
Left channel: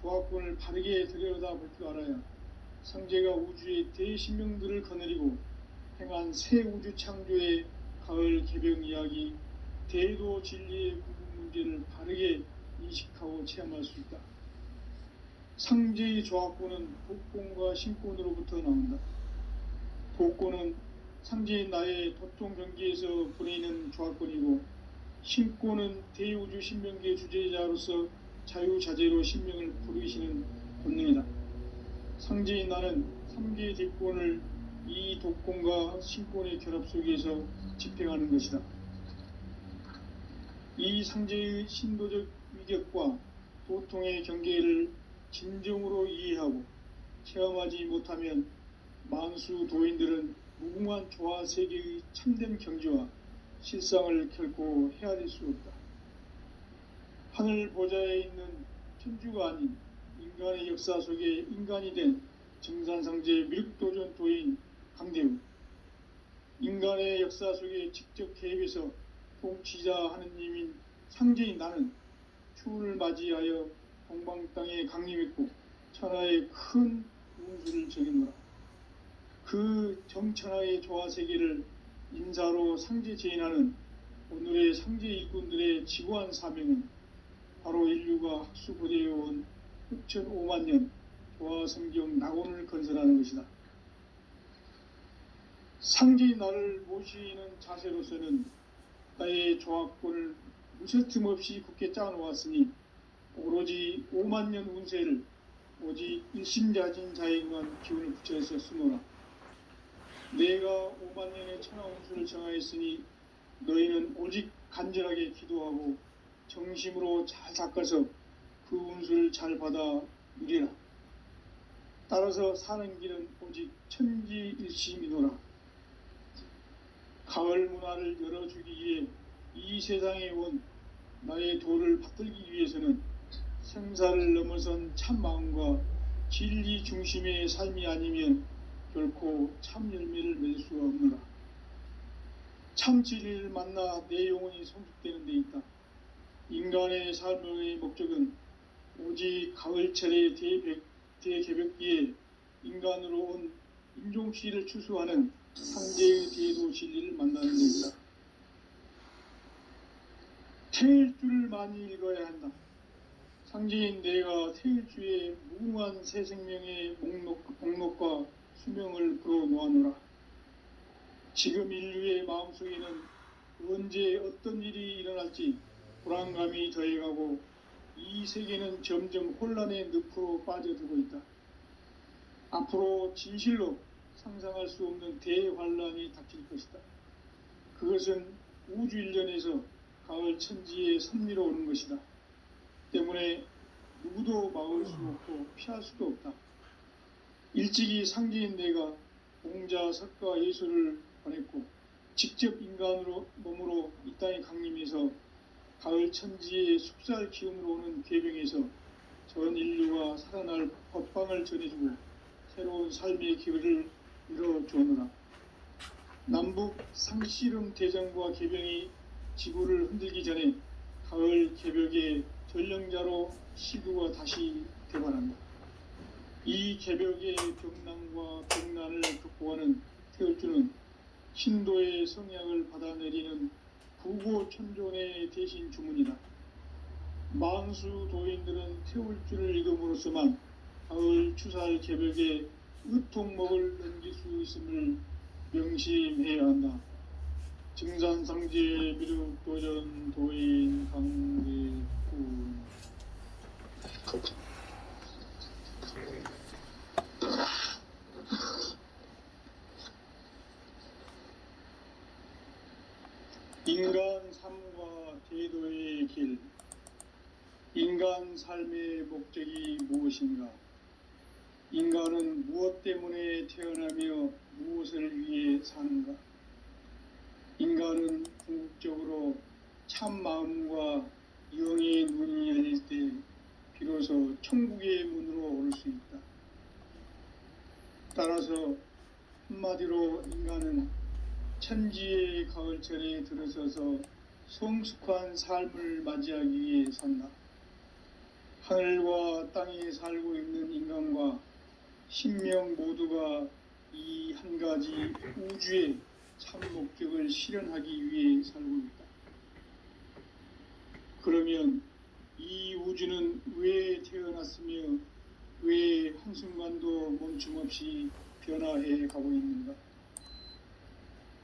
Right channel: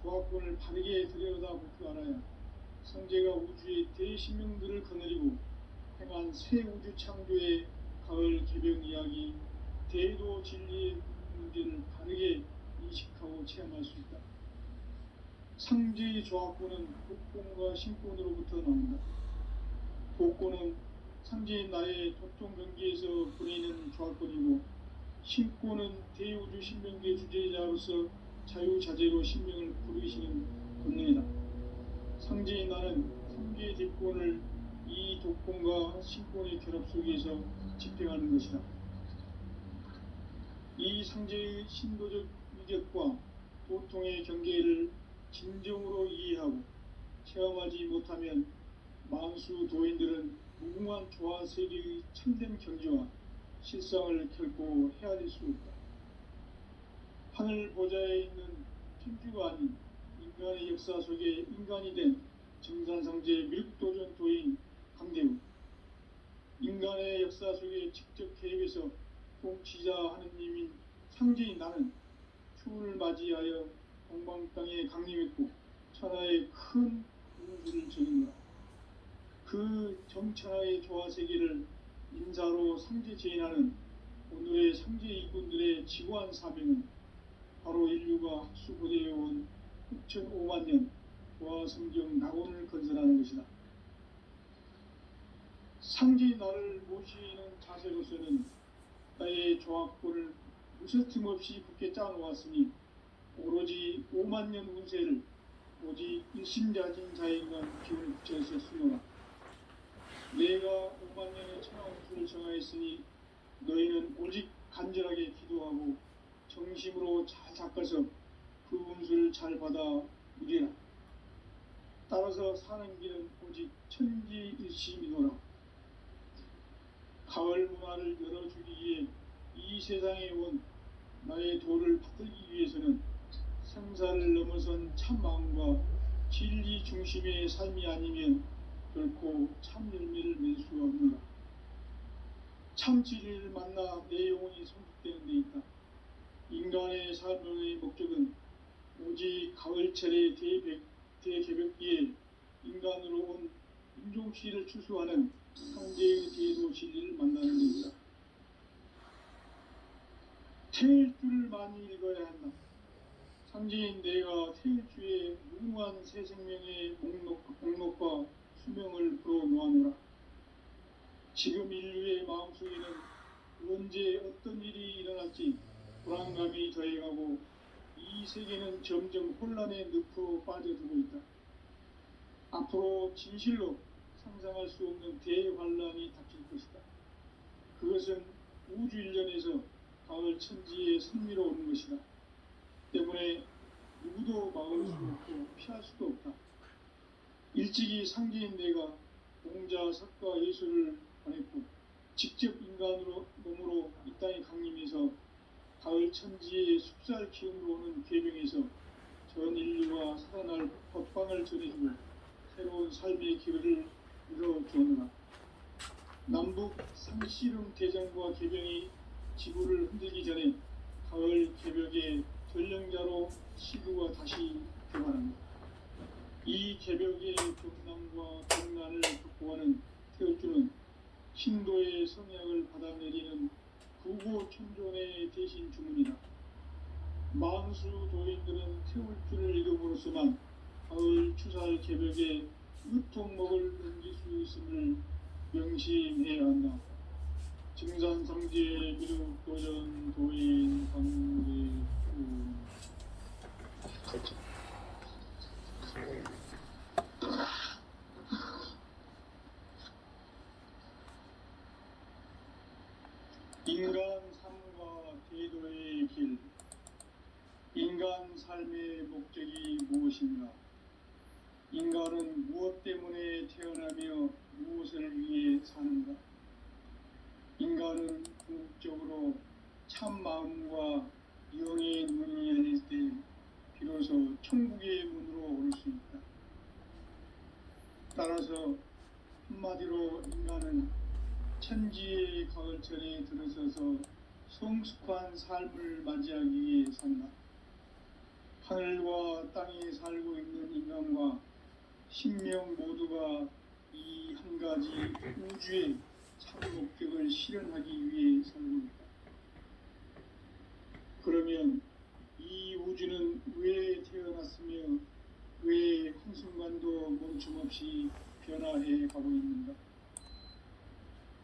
조화권을 바르게 들여다볼 줄 알아야 상제가 우주의 대신명들을 거느리고 행한 새 우주 창조의 가을 개벽 이야기, 대도 진리의 문제를 바르게 인식하고 체험할 수 있다. 상제의 조화권은 복권과 신권으로부터 나온다. 복권은 상제인 나의 도통 경기에서 보내는 조화권이고, 신권은 대우주 신명계 주제자로서 자유자재로 신명을 부르시는 본능이다. 상제인 나는 상계의 대권을 이 독권과 신권의 결합 속에서 집행하는 것이다. 이 상제의 신도적 위격과 도통의 경계를 진정으로 이해하고 체험하지 못하면 만수 도인들은 무궁한 조화 세계의 참된 경지와 실상을 결코 헤아릴 수 없다. 하늘 보좌에 있는 천주가 아닌 인간의 역사 속에 인간이 된 정산상제 밀도전 도인 강대우, 인간의 역사 속에 직접 개입해서 통치자 하느님인 상제인 나는 추운을 맞이하여 동방 땅에 강림했고 천하의 큰 운수를 적이노라. 그 정천하의 조화 세계를 인사로 상제 제인하는 오늘의 상제 일꾼들의 지구한 사명은 바로 인류가 학수고대해온 6,500년 조화 성경 낙원을 건설하는 것이다. 상제인 나를 모시는 자세로서는 나의 조화권을 무쇠틈 없이 굳게 짜놓았으니 오로지 5만년 운세를 오직 일심자진 자에게만 기운을 붙여서 쓰노라. 내가 5만년의 천하 운수를 정하였으니 너희는 오직 간절하게 기도하고 정심으로 잘 닦아서 그 운수를 잘 받아 누리라. 따라서 사는 길은 오직 천지일심이노라. 가을 문화를 열어주기 위해 이 세상에 온 나의 도를 받들기 위해서는 생사를 넘어선 참 마음과 진리 중심의 삶이 아니면 결코 참 열매를 맺을 수가 없노라. 참 진리를 만나 내 영혼이 성숙되는 데 있다. 인간의 삶의 목적은 오직 가을철의 대개벽기에 인간으로 온 인종씨를 추수하는 상제의 대도 진리를 만나는 데 있다. 태일주를 많이 읽어야 한다. 상제인 내가 태일주의 무궁한 새 생명의 목록과 수명을 풀어놓아노라. 지금 인류의 마음속에는 언제 어떤 일이 일어날지 불안감이 더해가고 이 세계는 점점 혼란의 늪으로 빠져들고 있다. 앞으로 진실로 상상할 수 없는 대환란이 닥칠 것이다. 그것은 우주 일련에서 가을 천지의 선미로 오는 것이다. 때문에 누구도 막을 수 없고 피할 수도 없다. 일찍이 상제인 내가 공자, 석가, 예수를 보냈고 직접 인간으로 몸으로 이 땅에 강림해서 가을 천지의 숲살 기운으로 오는 궤병에서 전 인류가 살아날 법방을 전해주고 새로운 삶의 기회를 열어주었노라. 남북 상씨름 대장과 궤병이 지구를 흔들기 전에 가을 개벽의 전령자로 시구가 다시 되어간다. 이 개벽의 병난과 병난을 극복하는 태울주는 신도의 성향을 받아내리는 부고천존의 대신 주문이다. 만수 도인들은 태울주를 이름으로서만 가을 추살 개벽의 으통목을 넘길 수 있음을 명심해야 한다. 증산상제 미륵도전 도인 강대구. 인간 삶과 제도의 길. 인간 삶의 목적이 무엇인가? 인간은 무엇 때문에 태어나며 무엇을 위해 사는가? 인간은 궁극적으로 참 마음과 영의 눈이 열릴 때 비로소 천국의 문으로 올 수 있다. 따라서 한마디로 인간은 천지의 가을철에 들어서서 성숙한 삶을 맞이하기 위해 산다. 하늘과 땅에 살고 있는 인간과 신명 모두가 이 한 가지 우주의 참 목적을 실현하기 위해 살고 있다. 그러면 이 우주는 왜 태어났으며 왜 한순간도 멈춤없이 변화해 가고 있는가?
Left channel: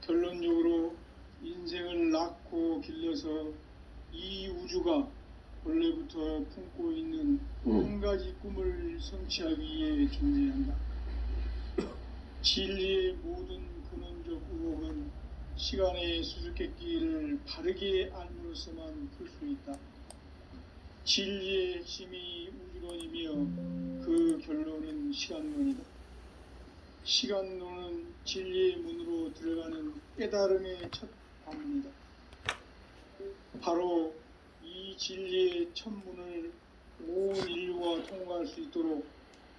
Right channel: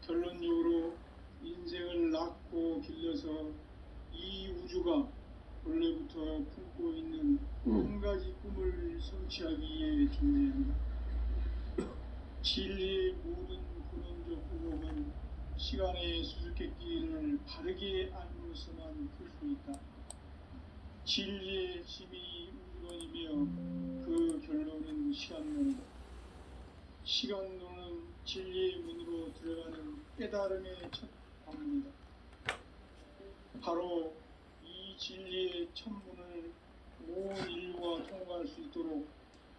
결론적으로 인생을 낳고 길러서 이 우주가 원래부터 품고 있는 한 가지 꿈을 성취하기 위해 존재한다. 진리의 모든 근원적 의혹은 시간의 수수께끼를 바르게 알므로서만 풀 수 있다. 진리의 핵심이 우주론이며 그 결론은 시간론이다. 시간론은 진리의 문으로 들어가는 깨달음의 첫 방문이다. 바로 이 진리의 첫 문을 온 인류가 통과할 수 있도록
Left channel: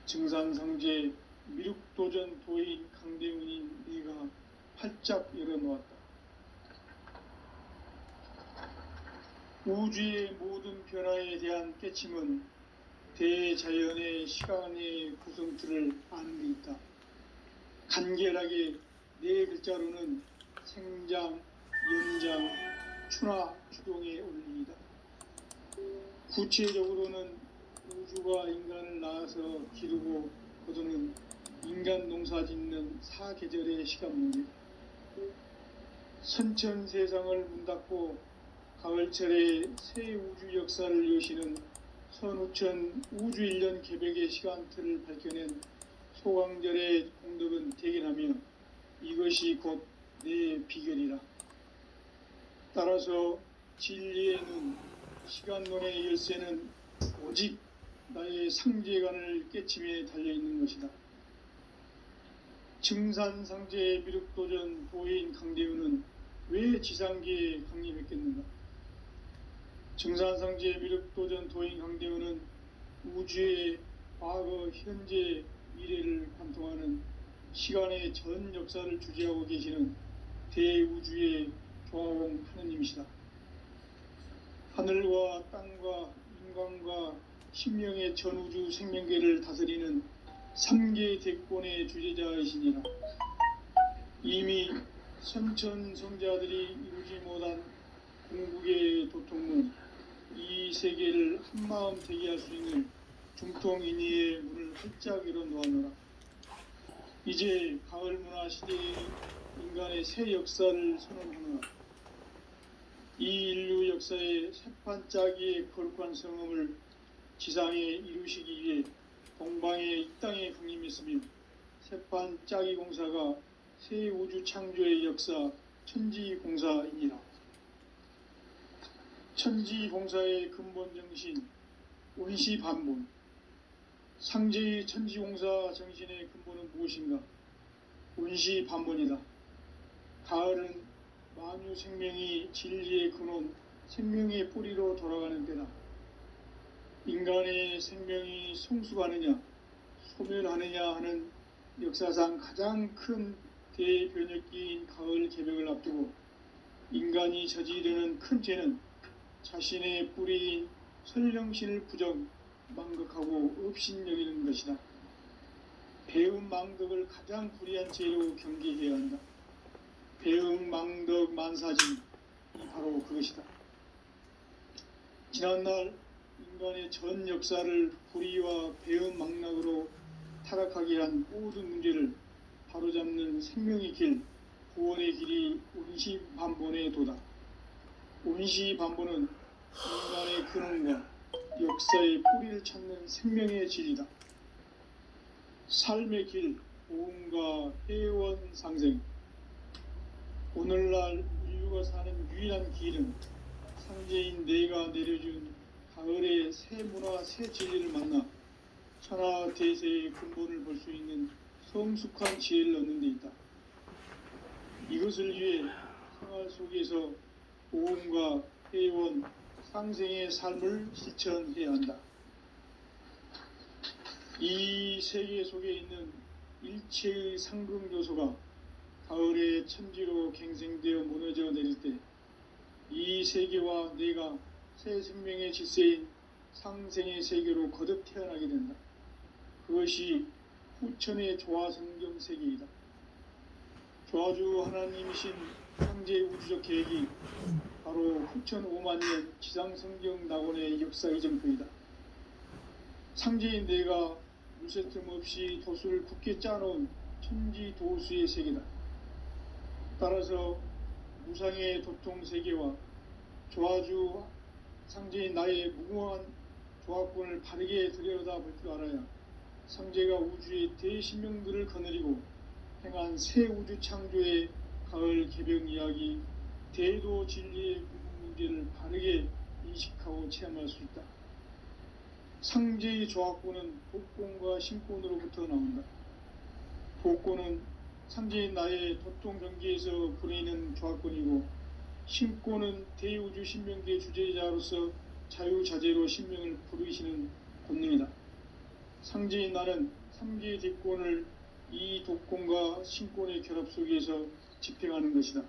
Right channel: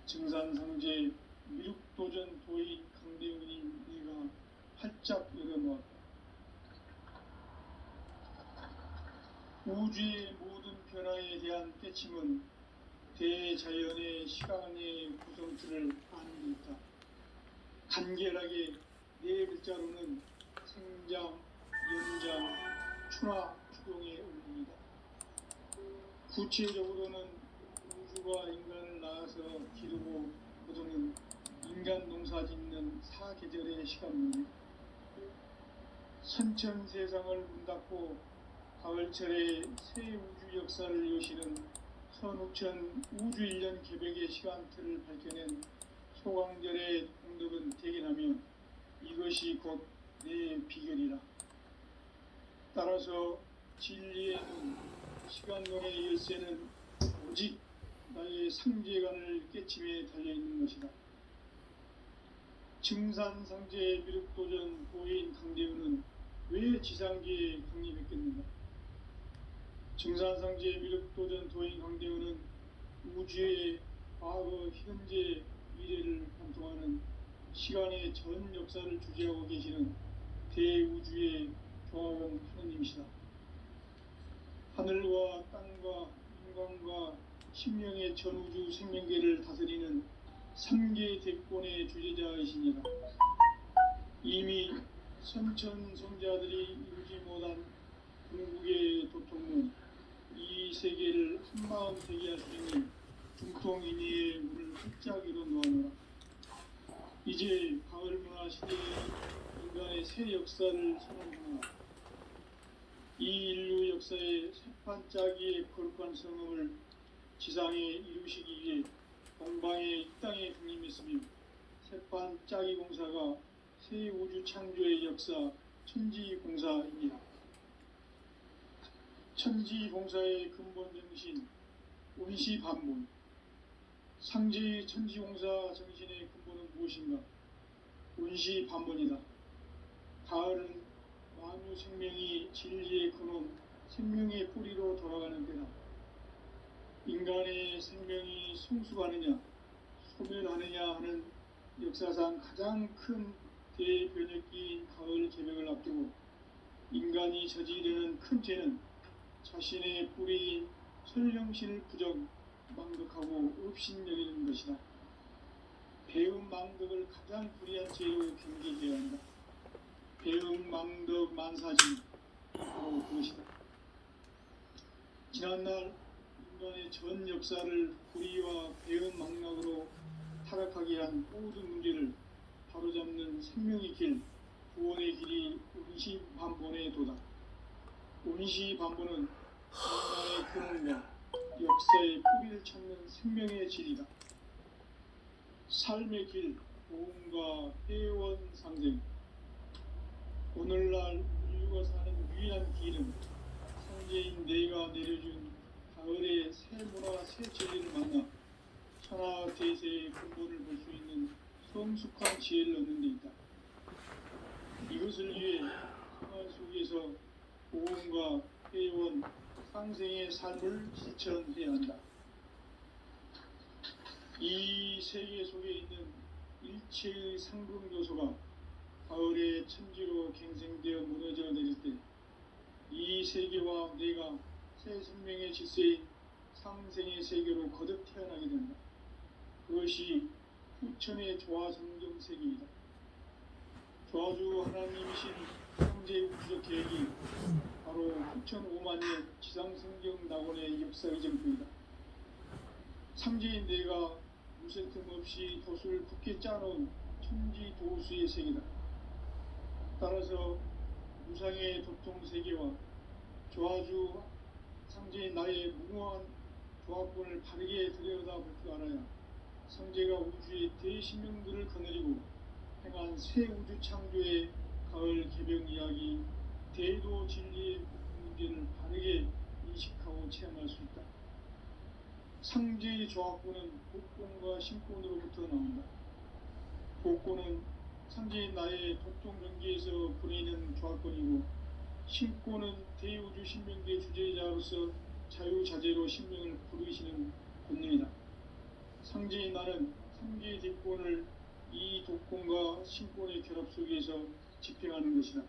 증산상제 미륵도전 도인 강대훈이 네가 활짝 열어놓았다. 우주의 모든 변화에 대한 깨침은 대자연의 시간의 구성틀을 아는 데 있다. 간결하게 네 글자로는 생장, 연장, 추나 추동의 원리이다. 구체적으로는 우주가 인간을 낳아서 기르고 거두는 인간 농사 짓는 사계절의 시간론이다. 선천 세상을 문 닫고 가을철에 새 우주 역사를 여시는 선우천 우주일년 개벽의 시간틀을 밝혀낸 소강절의 공덕은 대견하며 이것이 곧 내 비결이라. 따라서 진리의 눈, 시간론의 열쇠는 오직 나의 상제관을 깨침에 달려있는 것이다. 증산상제 미륵도전 도인 강대훈은 왜 지상계에 강림했겠는가? 증산상제 미륵도전 도인 강대훈은 우주의 과거, 현재, 미래를 관통하는 시간의 전 역사를 주재하고 계시는 대우주의 조화공 하느님이시다. 하늘과 땅과 인간과 신명의 전우주 생명계를 다스리는 3계 대권의 주제자이시니라. 이미 선천성자들이 이루지 못한 궁극의 도통문, 이 세계를 한마음 되게 할 수 있는 중통인의의 문을 활짝 열어놓아노라. 이제 가을 문화 시대의 인간의 새 역사를 선언하노라. 이 인류 역사의 새판짜기의 거룩한 성음을 지상에 이루시기 위해 동방의 이 땅에 강림했으며 새판 짜기 공사가 새 우주 창조의 역사 천지공사입니다. 천지공사의 근본 정신 원시반본. 상제의 천지공사 정신의 근본은 무엇인가? 원시반본이다. 가을은 만유 생명이 진리의 근원, 생명의 뿌리로 돌아가는 때다. 인간의 생명이 성숙하느냐, 소멸하느냐 하는 역사상 가장 큰 대변혁기인 가을 개벽을 앞두고 인간이 저지르는 큰 죄는 자신의 뿌리인 설령신을 부정, 망극하고 업신여기는 것이다. 배음 망덕을 가장 불의한 죄로 경계해야 한다. 배음 망덕 만사진 바로 그것이다. 지난날 인간의 전 역사를 불의와 배음 망락으로 타락하게 한 모든 문제를 바로잡는 생명의 길, 구원의 길이 원시반본의 도다. 원시반본은 인간의 근원과 역사의 뿌리를 찾는 생명의 질이다. 삶의 길, 보험과 회원 상생. 오늘날 인류가 사는 유일한 길은 상제인 내가 내려준 가을의 새 문화, 새 진리를 만나 천하 대세의 근본을 볼 수 있는 성숙한 지혜를 얻는 데 있다. 이것을 위해 생활 속에서 보험과 회원, 상생의 삶을 실천해야 한다. 이 세계 속에 있는 일체의 상금 요소가 가을의 천지로 갱생되어 무너져 내릴 때 이 세계와 내가 새 생명의 질서인 상생의 세계로 거듭 태어나게 된다. 그것이 후천의 조화성경 세계이다. 조화주 하나님이신 현재 우주적 계획이 바로 후천 5만 년 지상성경 낙원의 역사 이전부이다. 상제인 내가 무쇠틈 없이 도수를 굳게 짜놓은 천지 도수의 세계다. 따라서 무상의 도통 세계와 조화주 상제인 나의 무궁한 조합권을 바르게 들여다볼 줄 알아야 상제가 우주의 대신명들을 거느리고 행한 새 우주 창조의 가을 개벽 이야기, 대도 진리의 문제를 바르게 인식하고 체험할 수 있다. 상제의 조합권은 복권과 신권으로부터 나온다. 복권은 상제인 나의 도통 경계에서 부리는 조합권이고, 신권은 대우주 신명계 주제자로서 자유자재로 신명을 부르시는 권능이다. 상제인 나는 3개의 대권을 이 독권과 신권의 결합 속에서 집행하는 것이다.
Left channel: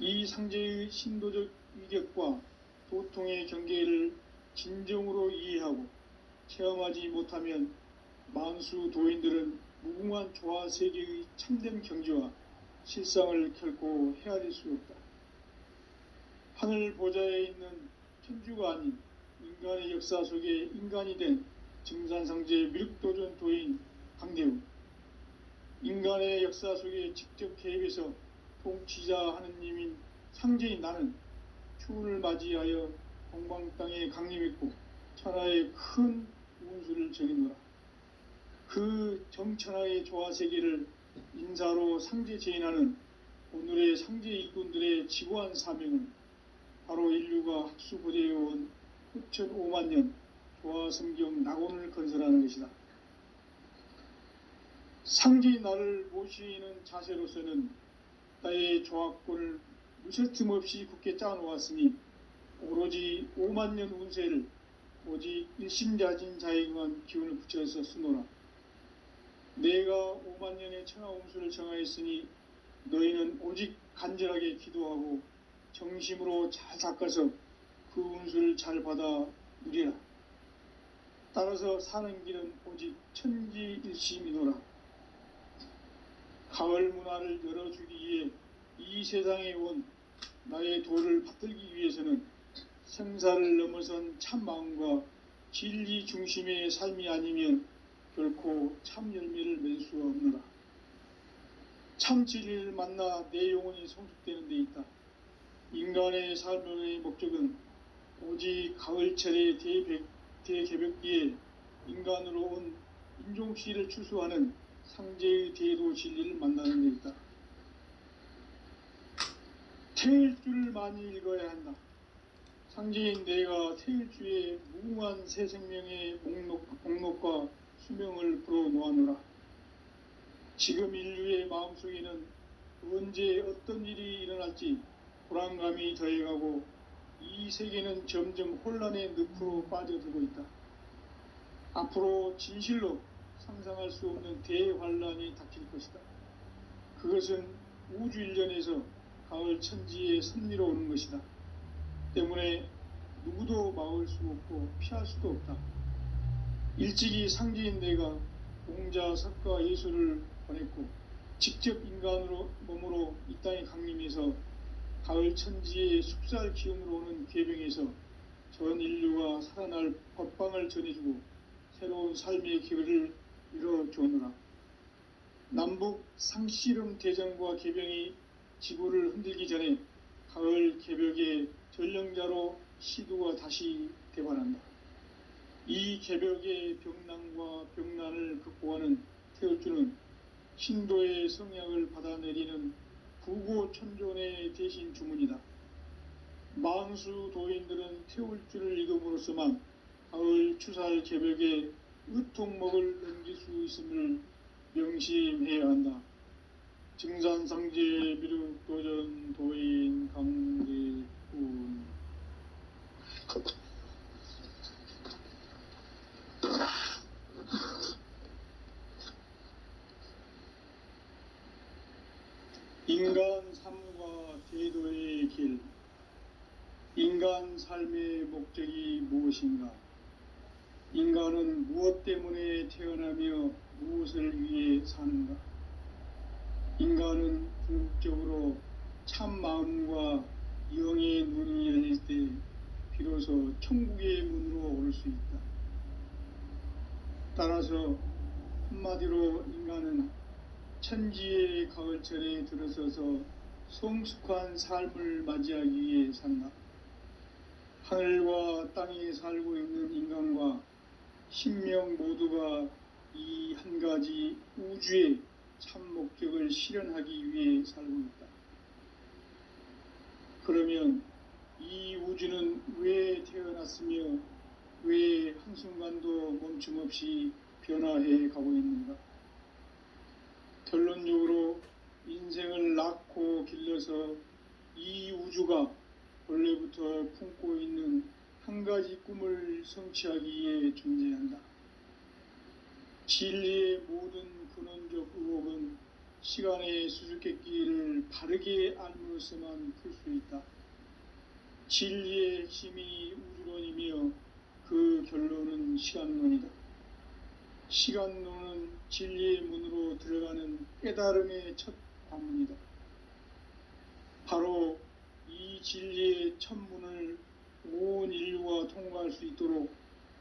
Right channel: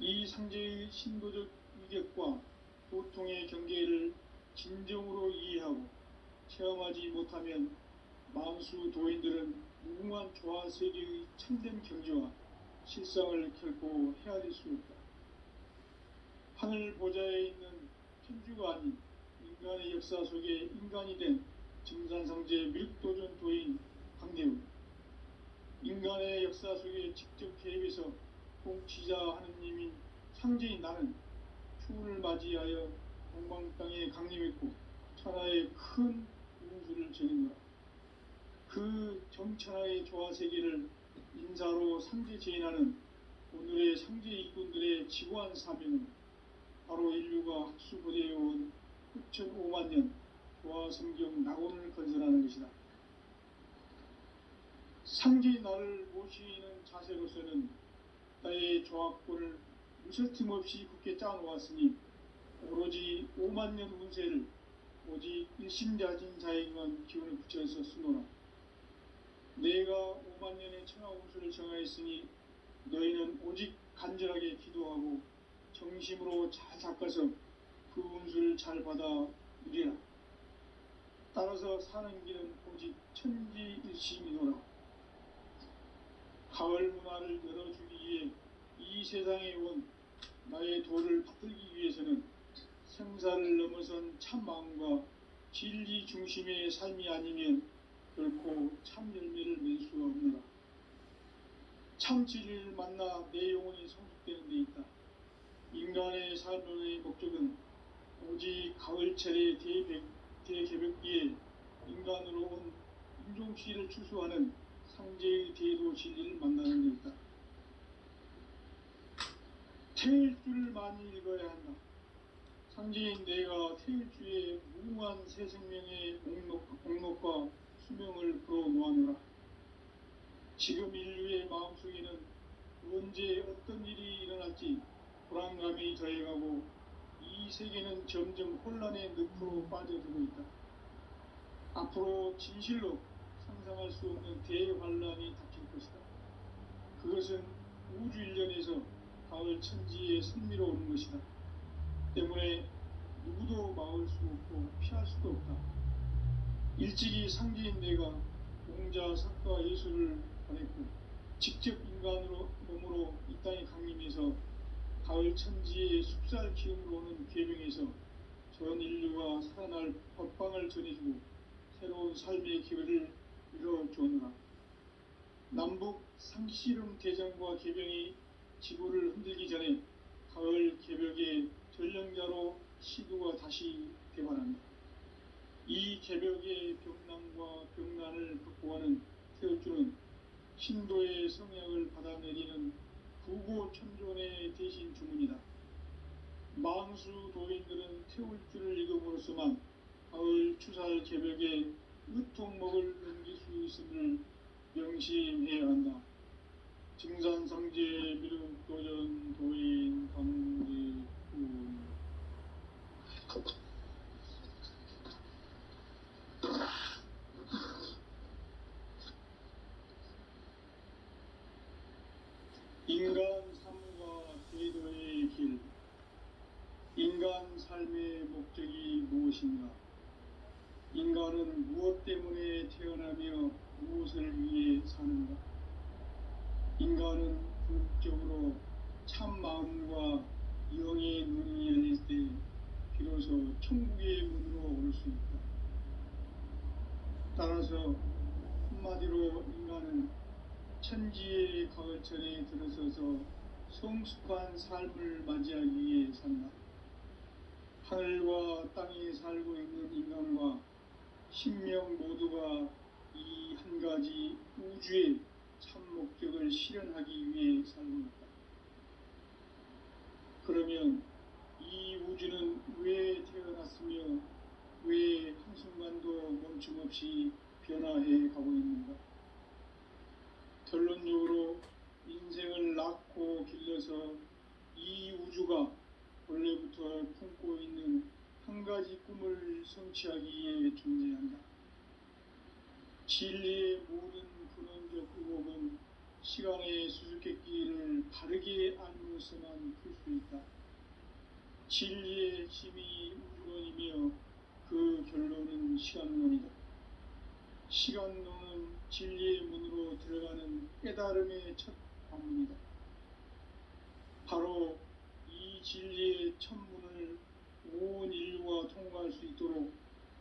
이 상제의 신도적 위격과 도통의 경계를 진정으로 이해하고 체험하지 못하면 만수 도인들은 무궁한 조화 세계의 참된 경지와 실상을 결코 헤아릴 수 없다. 하늘 보좌에 있는 천주가 아닌 인간의 역사 속에 인간이 된 증산상제 미륵도전 도인 강대우, 인간의 역사 속에 직접 개입해서 통치자 하느님인 상제인 나는 추운을 맞이하여 동방 땅에 강림했고 천하의 큰 운수를 전했노라. 그 정천하의 조화세계를 인사로 상제 제인하는 오늘의 상제 일꾼들의 지고한 사명은 바로 인류가 학수고대해온 후천 5만 년 조화성경 낙원을 건설하는 것이다. 상제인 나를 모시는 자세로서는 나의 조합권을 무쇠틈 없이 굳게 짜놓았으니 오로지 5만 년 운세를 오직 일심자진 자에게만 기운을 붙여서 쓰노라. 내가 5만 년의 천하 운수를 정하였으니 너희는 오직 간절하게 기도하고 정심으로 잘 닦아서 그 운수를 잘 받아 누리라. 따라서 사는 길은 오직 천지일심이노라. 가을 문화를 열어주기 위해 이 세상에 온 나의 도를 받들기 위해서는 생사를 넘어선 참 마음과 진리 중심의 삶이 아니면 결코 참 열매를 맺을 수가 없노라. 참 진리를 만나 내 영혼이 성숙되는 데 있다. 인간의 삶의 목적은 오직 가을철의 대개벽기에 인간으로 온 인종시를 추수하는 상제의 대도 진리를 만나는 데있다. 태일주를 많이 읽어야 한다. 상제인 내가 태일주의 무궁한 새 생명의 목록과 수명을 풀어놓아노라. 지금 인류의 마음속에는 언제 어떤 일이 일어날지 불안감이 더해가고 이 세계는 점점 혼란의 늪으로 빠져들고 있다. 앞으로 진실로 상상할 수 없는 대환란이 닥칠 것이다. 그것은 우주 일련에서 가을 천지의 섭리로 오는 것이다. 때문에 누구도 막을 수 없고 피할 수도 없다. 일찍이 상제인 내가 공자, 석가, 예수를 보냈고 직접 인간으로 몸으로 이 땅에 강림해서 가을 천지의 숲살 기운으로 오는 계병에서 전 인류가 살아날 법방을 전해주고 새로운 삶의 기회를 이뤄주느라. 남북 상씨름 대전과 계병이 지구를 흔들기 전에 가을 개벽의 전령자로 시도가 다시 대관한다. 이 개벽의 병난과 병난을 극복하는 태울주는 신도의 성약을 받아내리는 구고천존의 대신 주문이다. 망수 도인들은 태울주를 읽음으로써만 가을 추살 개벽의 으통목을 넘길 수 있음을 명심해야 한다. 증산상제 미륵도전 도인 강제훈. 인간 삶과 대도의 길. 인간 삶의 목적이 무엇인가? 인간은 무엇 때문에 태어나며 무엇을 위해 사는가? 인간은 궁극적으로 참 마음과 영의 문이 열릴 때 비로소 천국의 문으로 올 수 있다. 따라서 한마디로 인간은 천지의 가을철에 들어서서 성숙한 삶을 맞이하기 위해 산다. 하늘과 땅에 살고 있는 인간과 신명 모두가 이 한 가지 우주의 참 목적을 실현하기 위해 살고 있다. 그러면 이 우주는 왜 태어났으며 왜 한순간도 멈춤없이 변화해 가고 있는가? 결론적으로 인생을 낳고 길러서 이 우주가 원래부터 품고 있는 한 가지 꿈을 성취하기 위해 존재한다. 진리의 모든 근원적 의혹은 시간의 수수께끼를 바르게 알므로서만 풀 수 있다. 진리의 핵심이 우주론이며 그 결론은 시간론이다. 시간론은 진리의 문으로 들어가는 깨달음의 첫 관문이다. 바로 이 진리의 첫 문을 온 인류가 통과할 수 있도록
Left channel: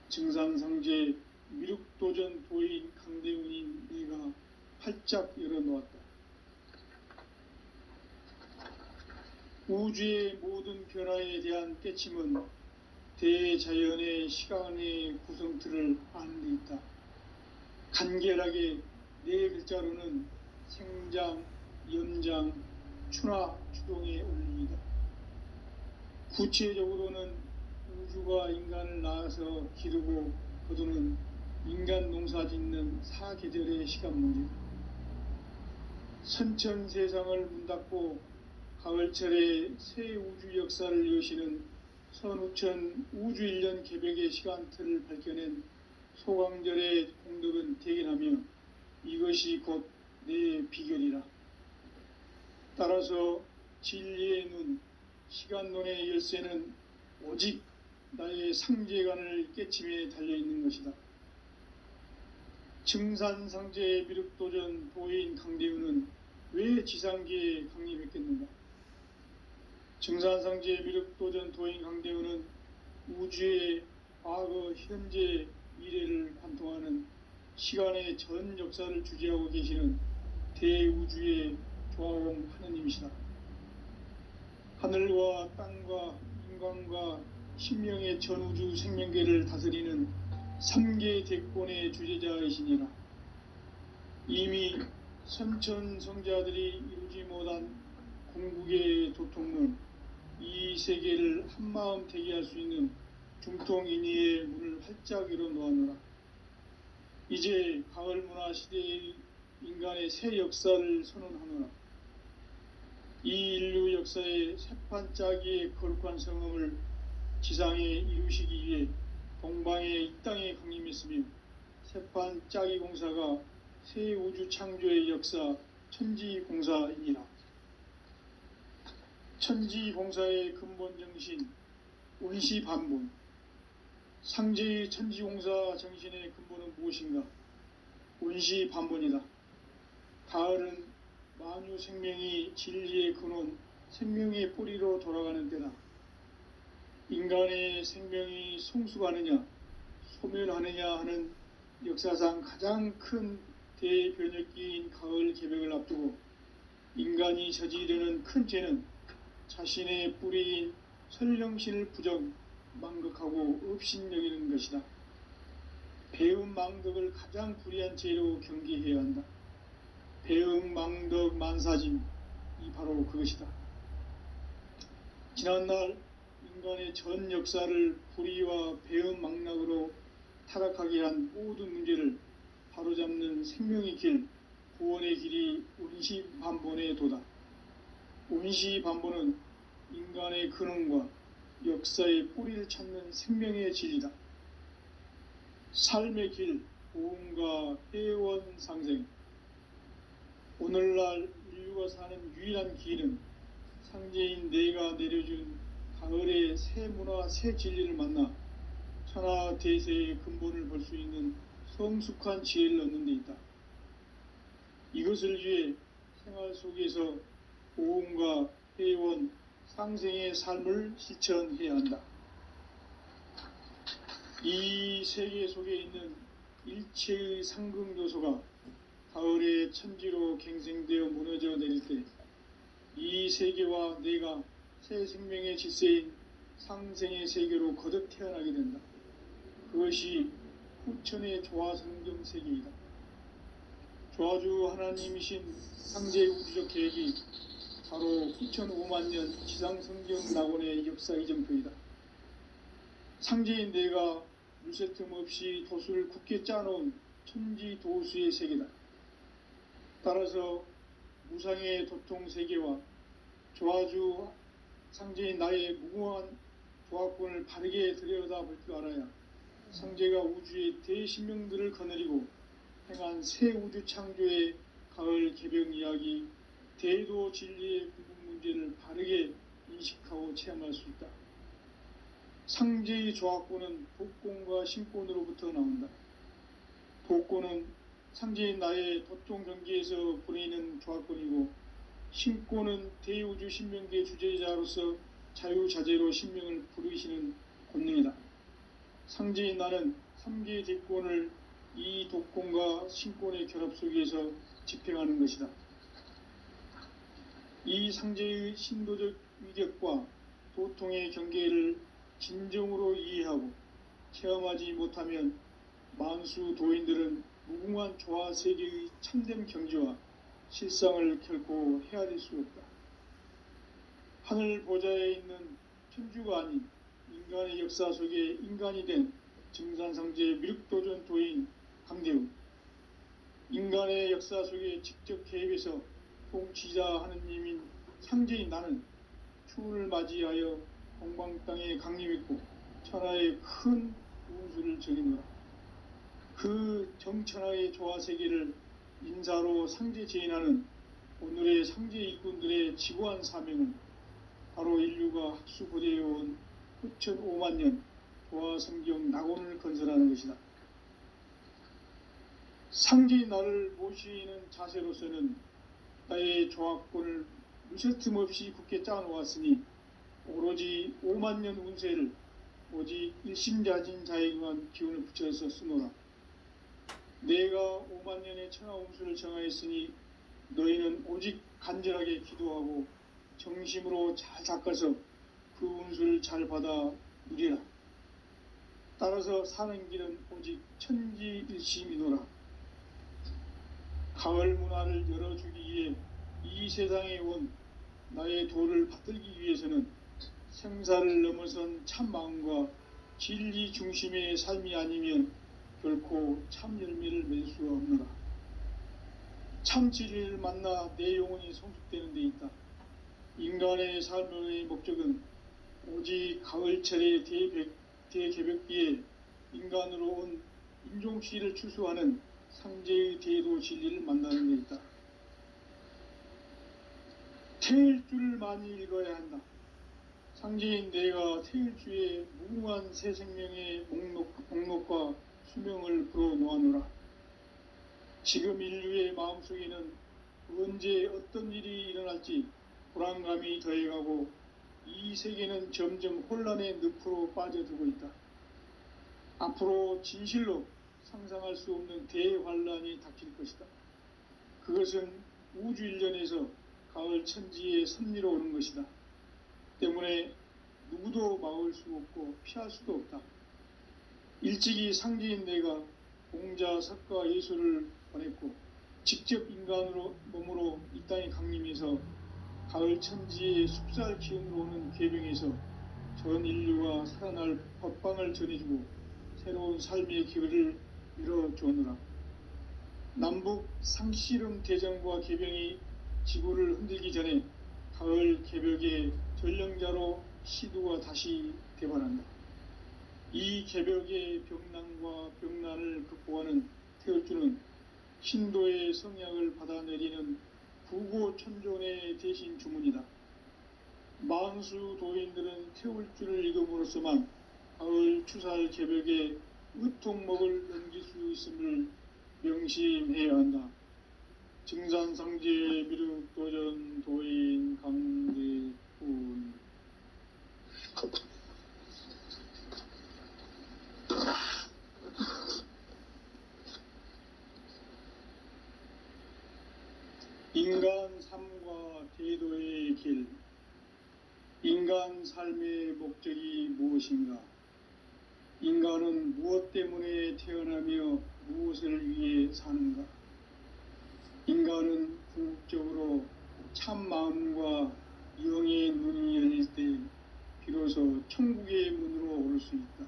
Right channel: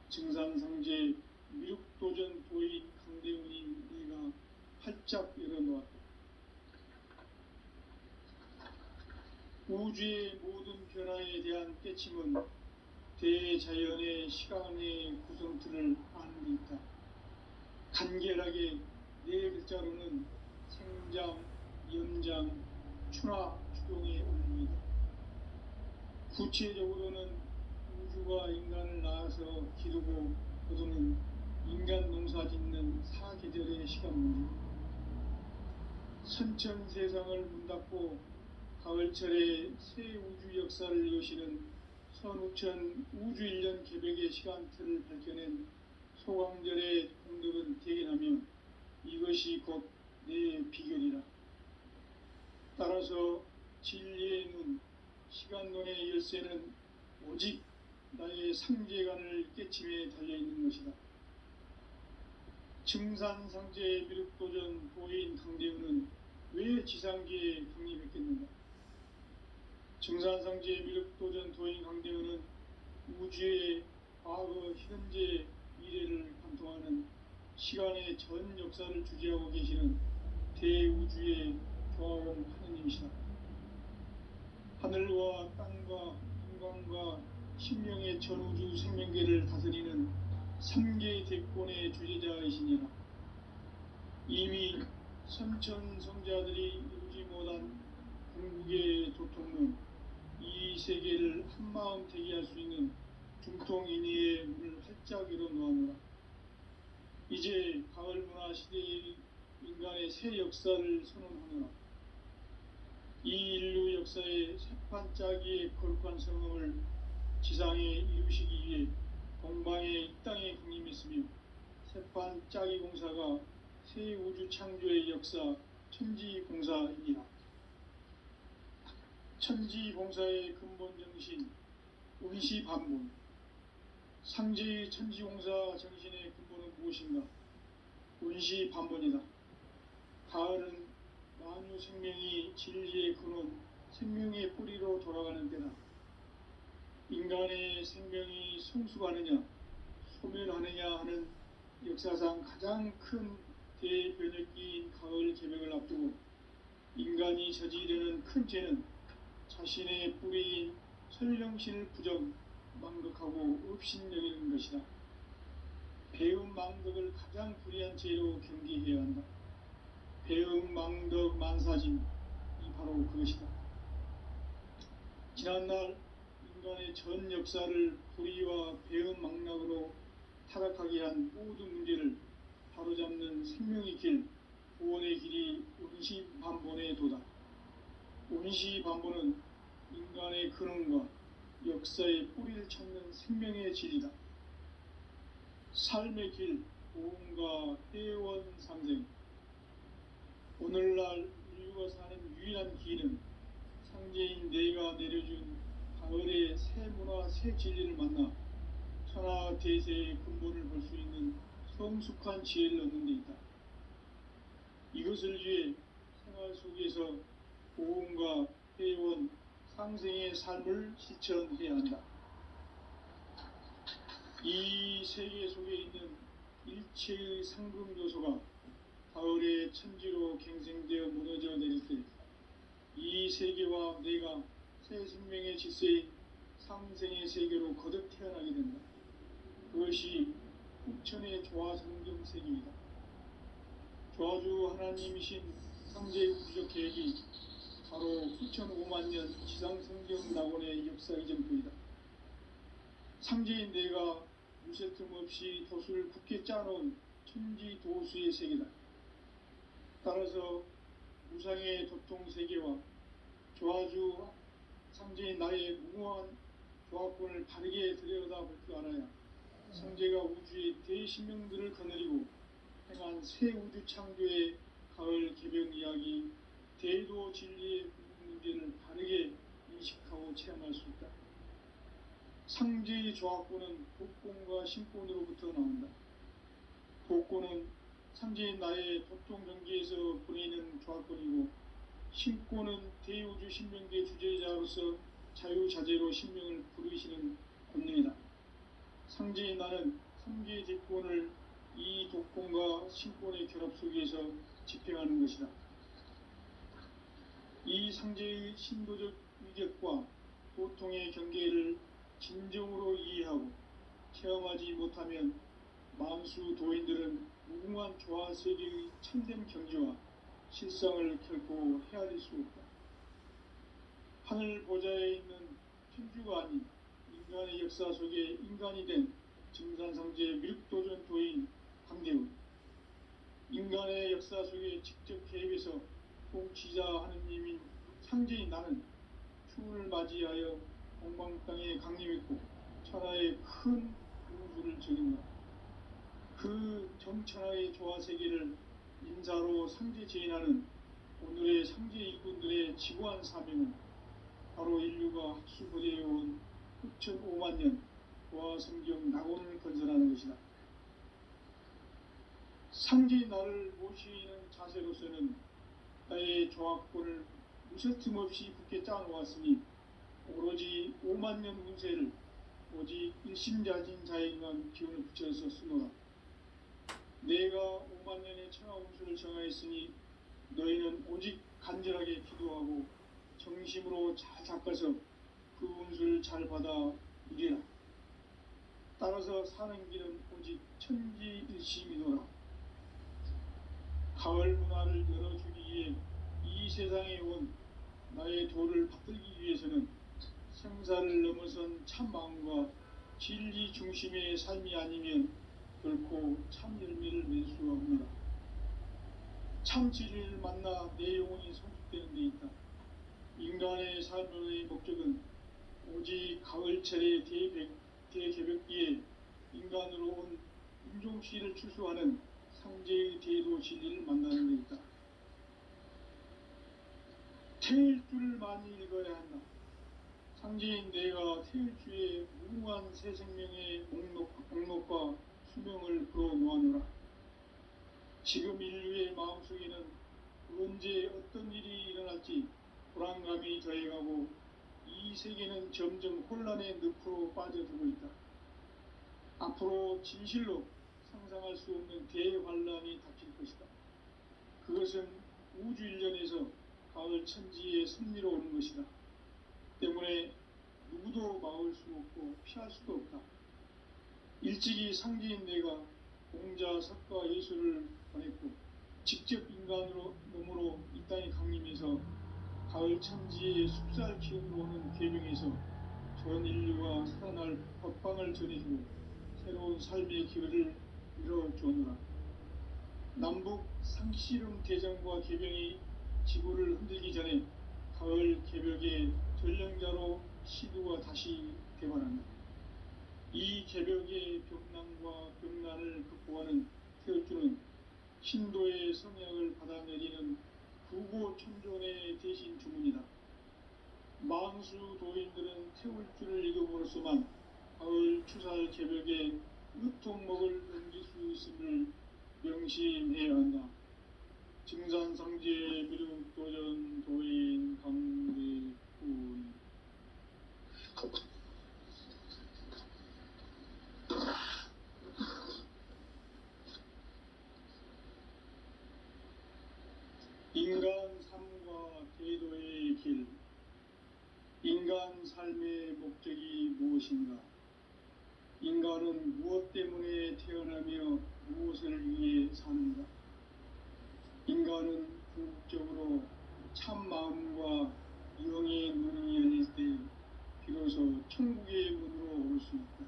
증산상제 미륵도전 도인 강대훈인 내가 활짝 열어놓았다. 우주의 모든 변화에 대한 깨침은 대자연의 시간의 구성틀을 아는 데 있다. 간결하게 네 글자로는 생장, 염장, 추나, 추동의 원리이다. 구체적으로는 우주가 인간을 낳아서 기르고 거두는 인간 농사 짓는 사계절의 시간 문제다. 선천 세상을 문닫고 가을철에 새 우주 역사를 여시는 선우천 우주일년 개벽의 시간틀을 밝혀낸 소강절의 공덕은 대견하며 이것이 곧 내 비결이라. 따라서 진리의 눈, 시간론의 열쇠는 오직 나의 상제관을 깨침에 달려있는 것이다. 증산상제 미륵도전 도인 강대훈은 왜 지상계에 강림했겠는가? 증산상제 미륵도전 도인 강대훈은 우주의 과거, 현재, 미래를 관통하는 시간의 전 역사를 주재하고 계시는 대우주의 조화원 하느님이시다. 하늘과 땅과 인간과 신명의 전우주 생명계를 다스리는 삼계 대권의 주제자이시니라. 이미 선천성자들이 이루지 못한 궁극의 도통은 이 세계를 한마음 되게 할 수 있는 중통인의의 문을 활짝 열어놓았노라. 이제 가을 문화 시대의 인간의 새 역사를 선언하노라. 이 인류 역사의 새판짜기의 거룩한 성음을 지상에 이루시기 위해 동방의 이 땅에 강림했으며 새판짜기 공사가 새 우주 창조의 역사 천지공사이니라. 천지공사의 근본 정신 운시반분. 상제의 천지공사 정신의 근본은 무엇인가? 운시반분이다. 가을은 만유 생명이 진리의 근원, 생명의 뿌리로 돌아가는 때다. 인간의 생명이 성숙하느냐, 소멸하느냐 하는 역사상 가장 큰 대변혁기인 가을 개벽을 앞두고 인간이 저지르는 큰 죄는 자신의 뿌리인 설령신을 부정, 망극하고 업신여기는 것이다. 배음 망덕을 가장 불의한 죄로 경계해야 한다. 배음 망덕 만사짐이 바로 그것이다. 지난날 인간의 전 역사를 불의와 배음 망락으로 타락하게 한 모든 문제를 바로잡는 생명의 길, 구원의 길이 운시반본의 도다. 운시반본은 인간의 근원과 역사의 뿌리를 찾는 생명의 진리다. 삶의 길, 고음과 회원 상생. 오늘날 인류가 사는 유일한 길은 상제인 내가 내려준 가을의 새 문화, 새 진리를 만나 천하 대세의 근본을 볼 수 있는 성숙한 지혜를 얻는 데 있다. 이것을 위해 생활 속에서 고음과 회원, 상생의 삶을 실천해야 한다. 이 세계 속에 있는 일체의 상극 요소가 가을의 천지로 갱생되어 무너져 내릴 때 이 세계와 내가 새 생명의 질서인 상생의 세계로 거듭 태어나게 된다. 그것이 후천의 조화성경 세계이다. 조화주 하나님이신 상제 우주적 계획이 바로 후천 5만 년 지상성경 낙원의 역사 이정표이다. 상제인 내가 무쇠 틈 없이 도수를 굳게 짜놓은 천지 도수의 세계다. 따라서 무상의 도통 세계와 조화주 상제인 나의 무궁한 조합권을 바르게 들여다볼 줄 알아야 상제가 우주의 대신명들을 거느리고 행한 새 우주 창조의 가을 개벽 이야기, 대도 진리의 구분 문제를 바르게 인식하고 체험할 수 있다. 상제의 조합권은 복권과 신권으로부터 나온다. 복권은 상제인 나의 도통 경계에서 보내는 조합권이고, 신권은 대우주 신명계 주제자로서 자유자재로 신명을 부르시는 권능이다. 상제인 나는 3개의 대권을 이 독권과 신권의 결합 속에서 집행하는 것이다. 이 상제의 신도적 위력과 도통의 경계를 진정으로 이해하고 체험하지 못하면 만수 도인들은 무궁한 조화 세계의 참된 경지와 실상을 결코 헤아릴 수 없다. 하늘 보좌에 있는 천주가 아닌 인간의 역사 속에 인간이 된 증산상제 미륵도전 도인 강대우, 인간의 역사 속에 직접 개입해서 통치자 하느님인 상제인 나는 추운을 맞이하여 동방 땅에 강림했고 천하의 큰 우주를 적이노라. 그 정천하의 조화 세계를 인사로 상제 제인하는 오늘의 상제 일꾼들의 지고한 사명은 바로 인류가 학수고대해온 후천 5만 년 조화 성경 낙원을 건설하는 것이다. 상제인 나를 모시는 자세로서는 나의 조합권을 무쇠틈 없이 굳게 짜놓았으니 오로지 5만 년 운세를 오직 일심자진 자에게만 기운을 붙여서 쓰노라. 내가 5만 년의 천하 운수를 정하였으니 너희는 오직 간절하게 기도하고 정심으로 잘 닦아서 그 운수를 잘 받아 누리라. 따라서 사는 길은 오직 천지일심이노라. 가을 문화를 열어주기 위해 이 세상에 온 나의 도를 받들기 위해서는 생사를 넘어선 참 마음과 진리 중심의 삶이 아니면 결코 참 열매를 맺을 수 없노라. 참 진리를 만나 내 영혼이 성숙되는 데 있다. 인간의 삶의 목적은 오직 가을철의 대개벽기에 인간으로 온 인종씨를 추수하는 상제의 대도 진리를 만나는 데 있다. 태일 줄을 많이 읽어야 한다. 상제인 내가 태일주의 무궁한 새 생명의 목록과 수명을 불어놓아노라. 지금 인류의 마음속에는 언제 어떤 일이 일어날지 불안감이 더해가고 이 세계는 점점 혼란의 늪으로 빠져들고 있다. 앞으로 진실로 상상할 수 없는 대환란이 닥칠 것이다. 그것은 우주 일련에서 가을 천지의 섭리로 오는 것이다. 때문에 누구도 막을 수 없고 피할 수도 없다. 일찍이 상제인 내가 공자, 석가, 예수를 보냈고 직접 인간으로 몸으로 이 땅에 강림해서 가을 천지의 숲살 기운으로 오는 계명에서 전 인류가 살아날 법방을 전해주고 새로운 삶의 기회를 열어주었노라. 남북 상실은 대전과 개병이 지구를 흔들기 전에 가을 개벽의 전령자로 시도가 다시 되관한다. 이 개벽의 병난과 병난을 극복하는 태울주는 신도의 성약을 받아내리는 구고천존의 대신 주문이다. 망수 도인들은 태울주를 읽음으로써만 가을 추살 개벽에 으통목을 넘길 수 있음을 명심해야 한다. 증산상제 미륵도전 도인 강대훈. 인간 삶과 대도의 길. 인간 삶의 목적이 무엇인가? 인간은 무엇 때문에 태어나며 무엇을 위해 사는가? 인간은 궁극적으로 참 마음과 영의 문이 열릴 때 비로소 천국의 문으로 오를 수 있다.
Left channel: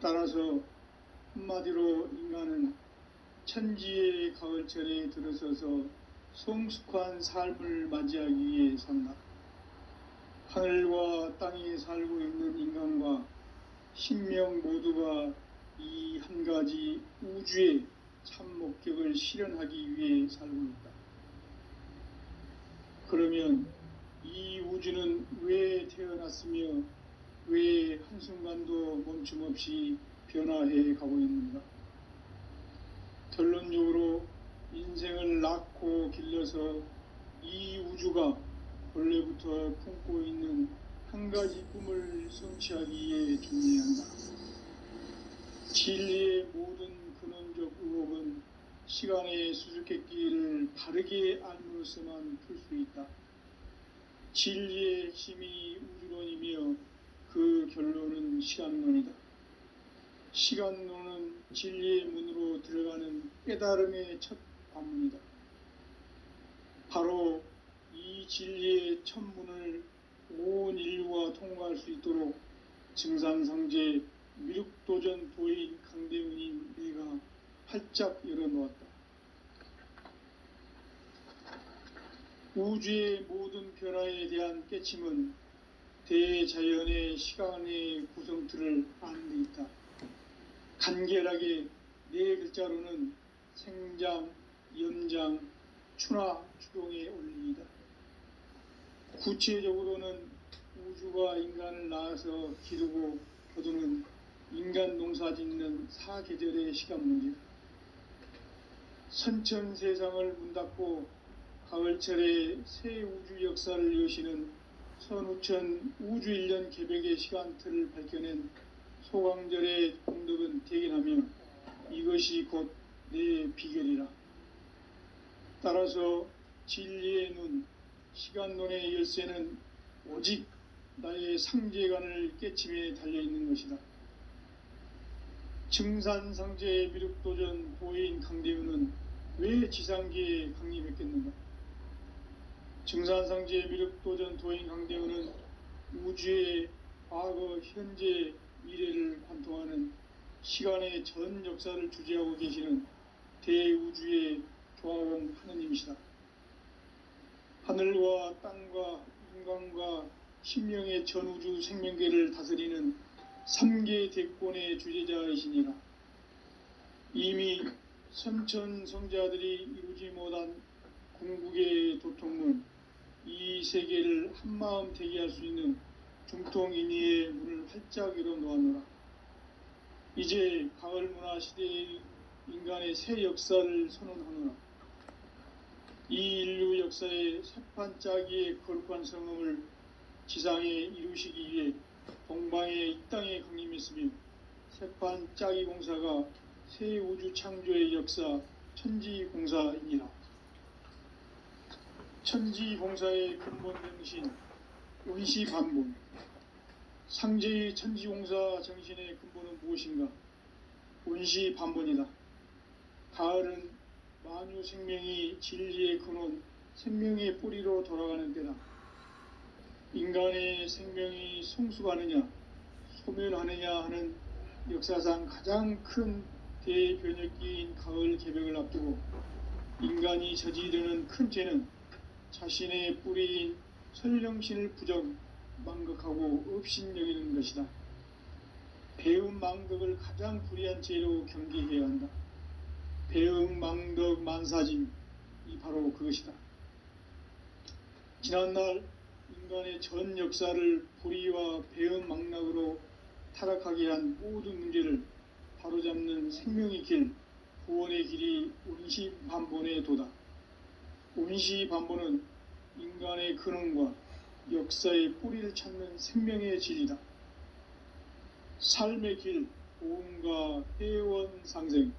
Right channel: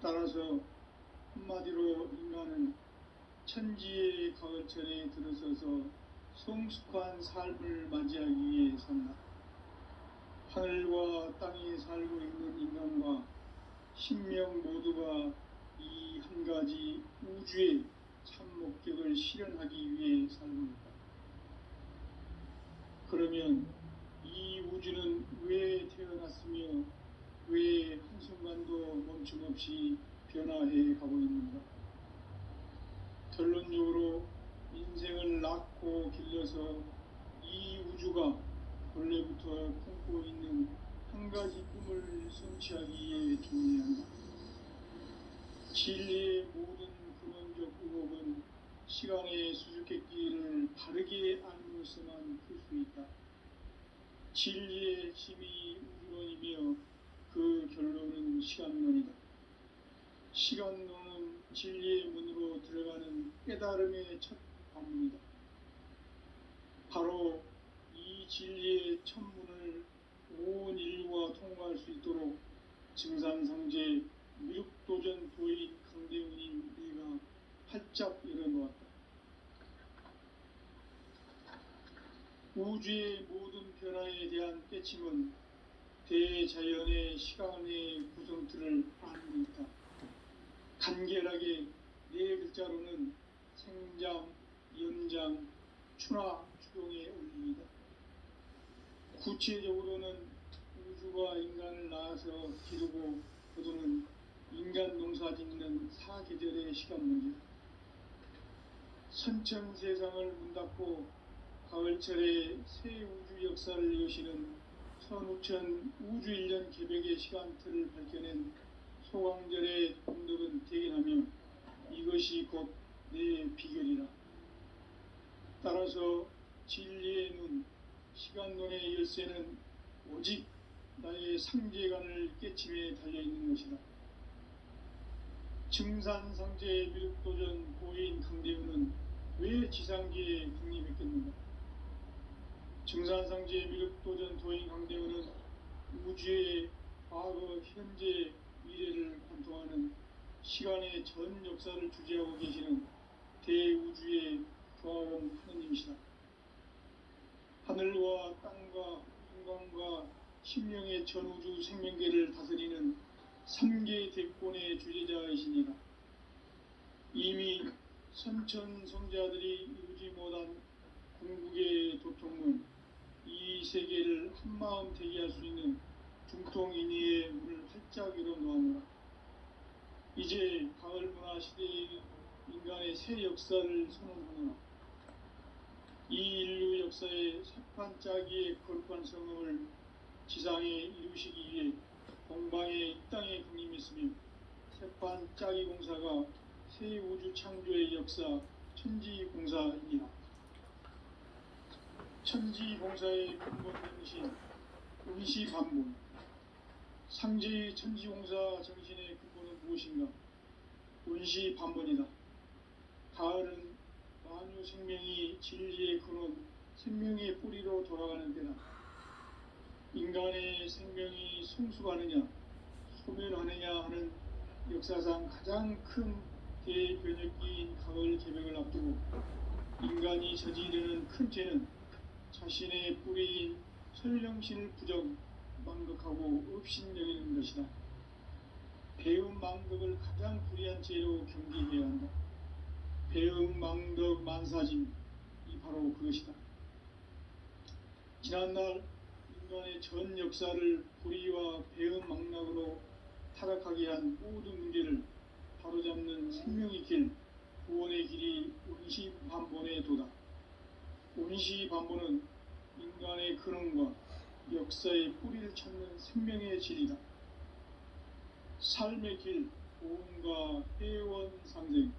따라서 한마디로 인간은 천지의 가을철에 들어서서 성숙한 삶을 맞이하기 위해 산다. 하늘과 땅에 살고 있는 인간과 신명 모두가 이 한 가지 우주의 참 목적을 실현하기 위해 살고 있다. 그러면 이 우주는 왜 태어났으며 왜 한순간도 멈춤없이 변화해 가고 있는가? 결론적으로 인생을 낳고 길러서 이 우주가 원래부터 품고 있는 한 가지 꿈을 성취하기에 준비한다. 진리의 모든 근원적 의혹은 시간의 수수께끼를 바르게 알므로서만 풀 수 있다. 진리의 핵심이 우주론이며 그 결론은 시간론이다. 시간론은 진리의 문으로 들어가는 깨달음의 첫 관문이다. 바로 이 진리의 첫 문을 온 인류가 통과할 수 있도록 증산상제 미륵도전 도인 강대훈인 내가 활짝 열어놓았다. 우주의 모든 변화에 대한 깨침은 대자연의 시간의 구성틀을 아는 데 있다. 간결하게 네 글자로는 생장, 연장, 추나, 추동의 원리이다. 구체적으로는 우주가 인간을 낳아서 기르고 거두는 인간 농사 짓는 사계절의 시간문이다. 선천 세상을 문닫고 가을철에 새 우주 역사를 여시는 선우천 우주일년 개벽의 시간틀을 밝혀낸 소강절의 공덕은 대견하며 이것이 곧 내 비결이라. 따라서 진리의 문, 시간론의 열쇠는 오직 나의 상제관을 깨침에 달려있는 것이다. 증산상제 미륵도전 보인 강대우는 왜 지상계에 강림했겠는가? 증산상제 미륵도전 도인 강대우는 우주의 과거, 현재, 미래를 관통하는 시간의 전 역사를 주재하고 계시는 대우주의 조화원 하느님이시다. 하늘과 땅과 인간과 신명의 전우주 생명계를 다스리는 3계 대권의 주재자이시니라. 이미 선천성자들이 이루지 못한 궁극의 도통문, 이 세계를 한마음 대기할 수 있는 중통인의의 문을 활짝 열어놓았노라. 이제 가을문화 시대의 인간의 새 역사를 선언하노라. 이 인류 역사의 새판짜기의 거룩한 성음을 지상에 이루시기 위해 동방의 이 땅에 강림했으며 새판짜기 공사가 새 우주 창조의 역사 천지공사이니라. 천지공사의 근본 정신 운시반본. 상제의 천지공사 정신의 근본은 무엇인가? 운시반본이다. 가을은 만유 생명이 진리의 근원, 생명의 뿌리로 돌아가는 때다. 인간의 생명이 성숙하느냐, 소멸하느냐 하는 역사상 가장 큰 대변혁기인 가을 개벽을 앞두고 인간이 저지르는 큰 죄는 자신의 뿌리인 설령신을 망극하고 업신여기는 것이다. 배음 망덕을 가장 불의한 죄로 경계해야 한다. 배음 망덕 만사진이 바로 그것이다. 지난날 인간의 전 역사를 불의와 배음 망락으로 타락하게 한 모든 문제를 바로잡는 생명의 길, 구원의 길이 운시반본의 도다. 운시반본은 인간의 근원과 역사의 뿌리를 찾는 생명의 질이다. 삶의 길, 고음과 회원 상생.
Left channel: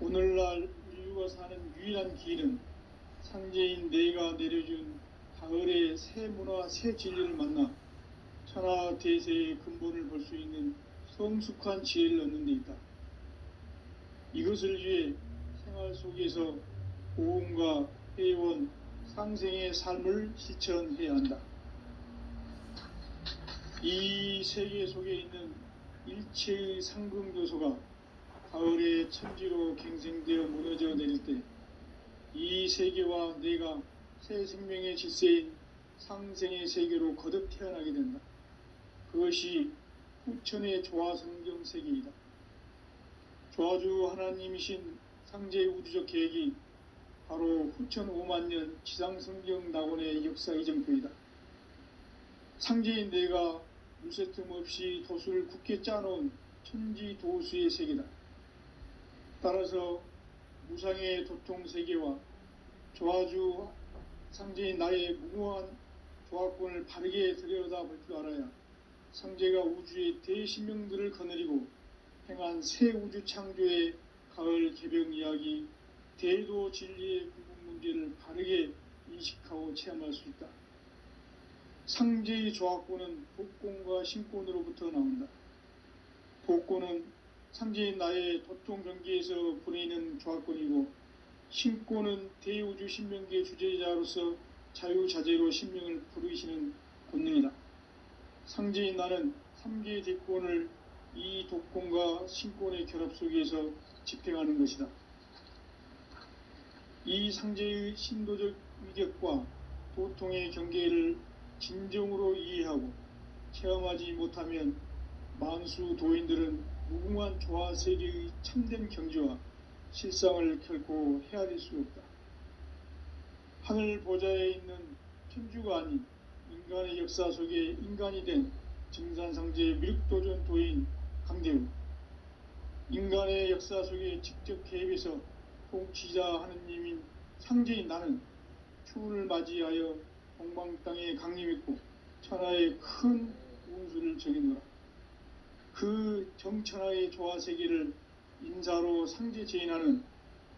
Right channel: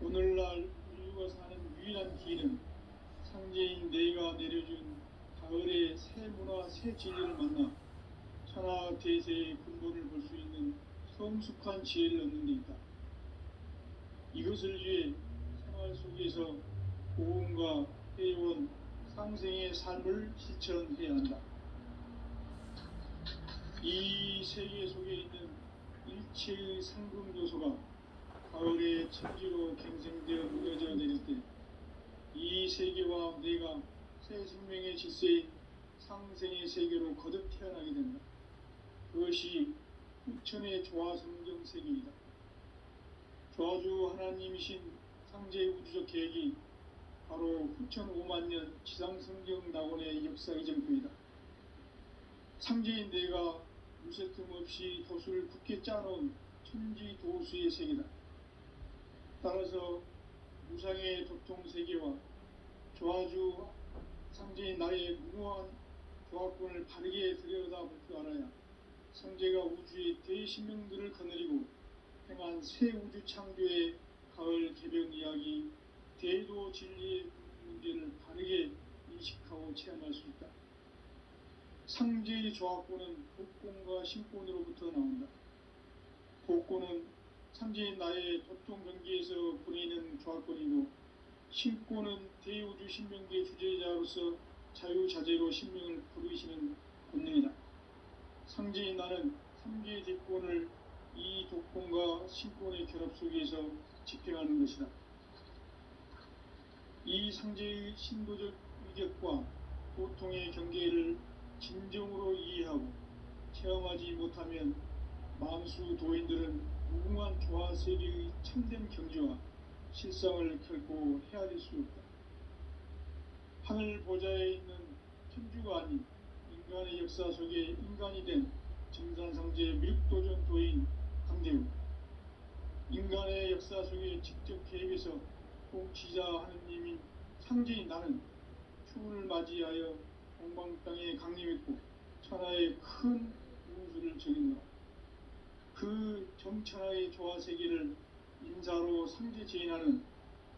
오늘날 인류가 사는 유일한 길은 상제인 내가 내려준 가을의 새 문화, 새 진리를 만나 천하 대세의 근본을 볼 수 있는 성숙한 지혜를 얻는 데 있다. 이것을 위해 생활 속에서 고음과 회원, 상생의 삶을 실천해야 한다. 이 세계 속에 있는 일체의 상금 요소가 가을의 천지로 갱생되어 무너져 내릴 때 이 세계와 내가 새 생명의 질서인 상생의 세계로 거듭 태어나게 된다. 그것이 후천의 조화성경 세계이다. 조화주 하나님이신 상제의 우주적 계획이 바로 후천 5만년 지상성경 낙원의 역사 이정표이다. 상제인 내가 무쇠틈 없이 도수를 굳게 짜놓은 천지도수의 세계다. 따라서 무상의 도통세계와 조화주 상제인 나의 무모한 조화권을 바르게 들여다볼 줄 알아야 상제가 우주의 대신명들을 거느리고 행한 새 우주 창조의 가을 개벽 이야기, 대도 진리의 궁극 문제를 바르게 인식하고 체험할 수 있다. 상제의 조화권은 복권과 신권으로부터 나온다. 복권은 상제인 나의 도통 경계에서 보내는 조화권이고, 신권은 대우주 신명계 주제자로서 자유자재로 신명을 부르시는 권능이다. 상제인 나는 3계 대권을 이 독권과 신권의 결합 속에서 집행하는 것이다. 이 상제의 신도적 위격과 도통의 경계를 진정으로 이해하고 체험하지 못하면 만수 도인들은 무궁한 조화세계의 참된 경지와 실상을 결코 헤아릴 수 없다. 하늘 보좌에 있는 천주가 아닌 인간의 역사 속에 인간이 된 증산상제 미륵도전 도인 강대우, 인간의 역사 속에 직접 개입해서 통치자 하느님인 상제인 나는 추운을 맞이하여 동방 땅에 강림했고 천하의 큰 운수를 적이노라. 그 정천하의 조화세계를 인사로 상제 제인하는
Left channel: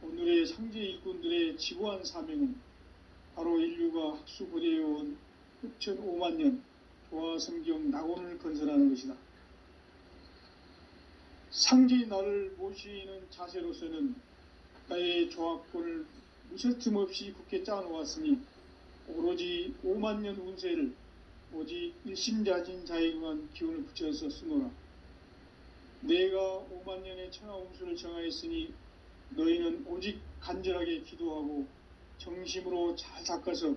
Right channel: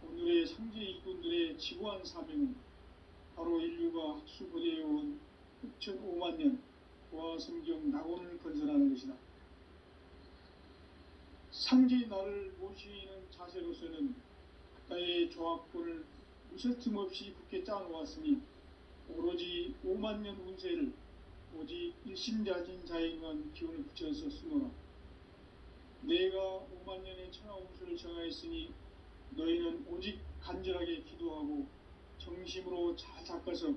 오늘의 상제 일꾼들의 지고한 사명은 바로 인류가 학수고대해온 후천 5만년 조화성경 낙원을 건설하는 것이다. 상지 나를 모시는 자세로서는 나의 조합권을 무쇠틈 없이 굳게 짜놓았으니 오로지 5만 년 운세를 오직 일심자진 자에게만 기운을 붙여서 쓰노라. 내가 5만 년의 천하 운수를 정하였으니 너희는 오직 간절하게 기도하고 정심으로 잘 닦아서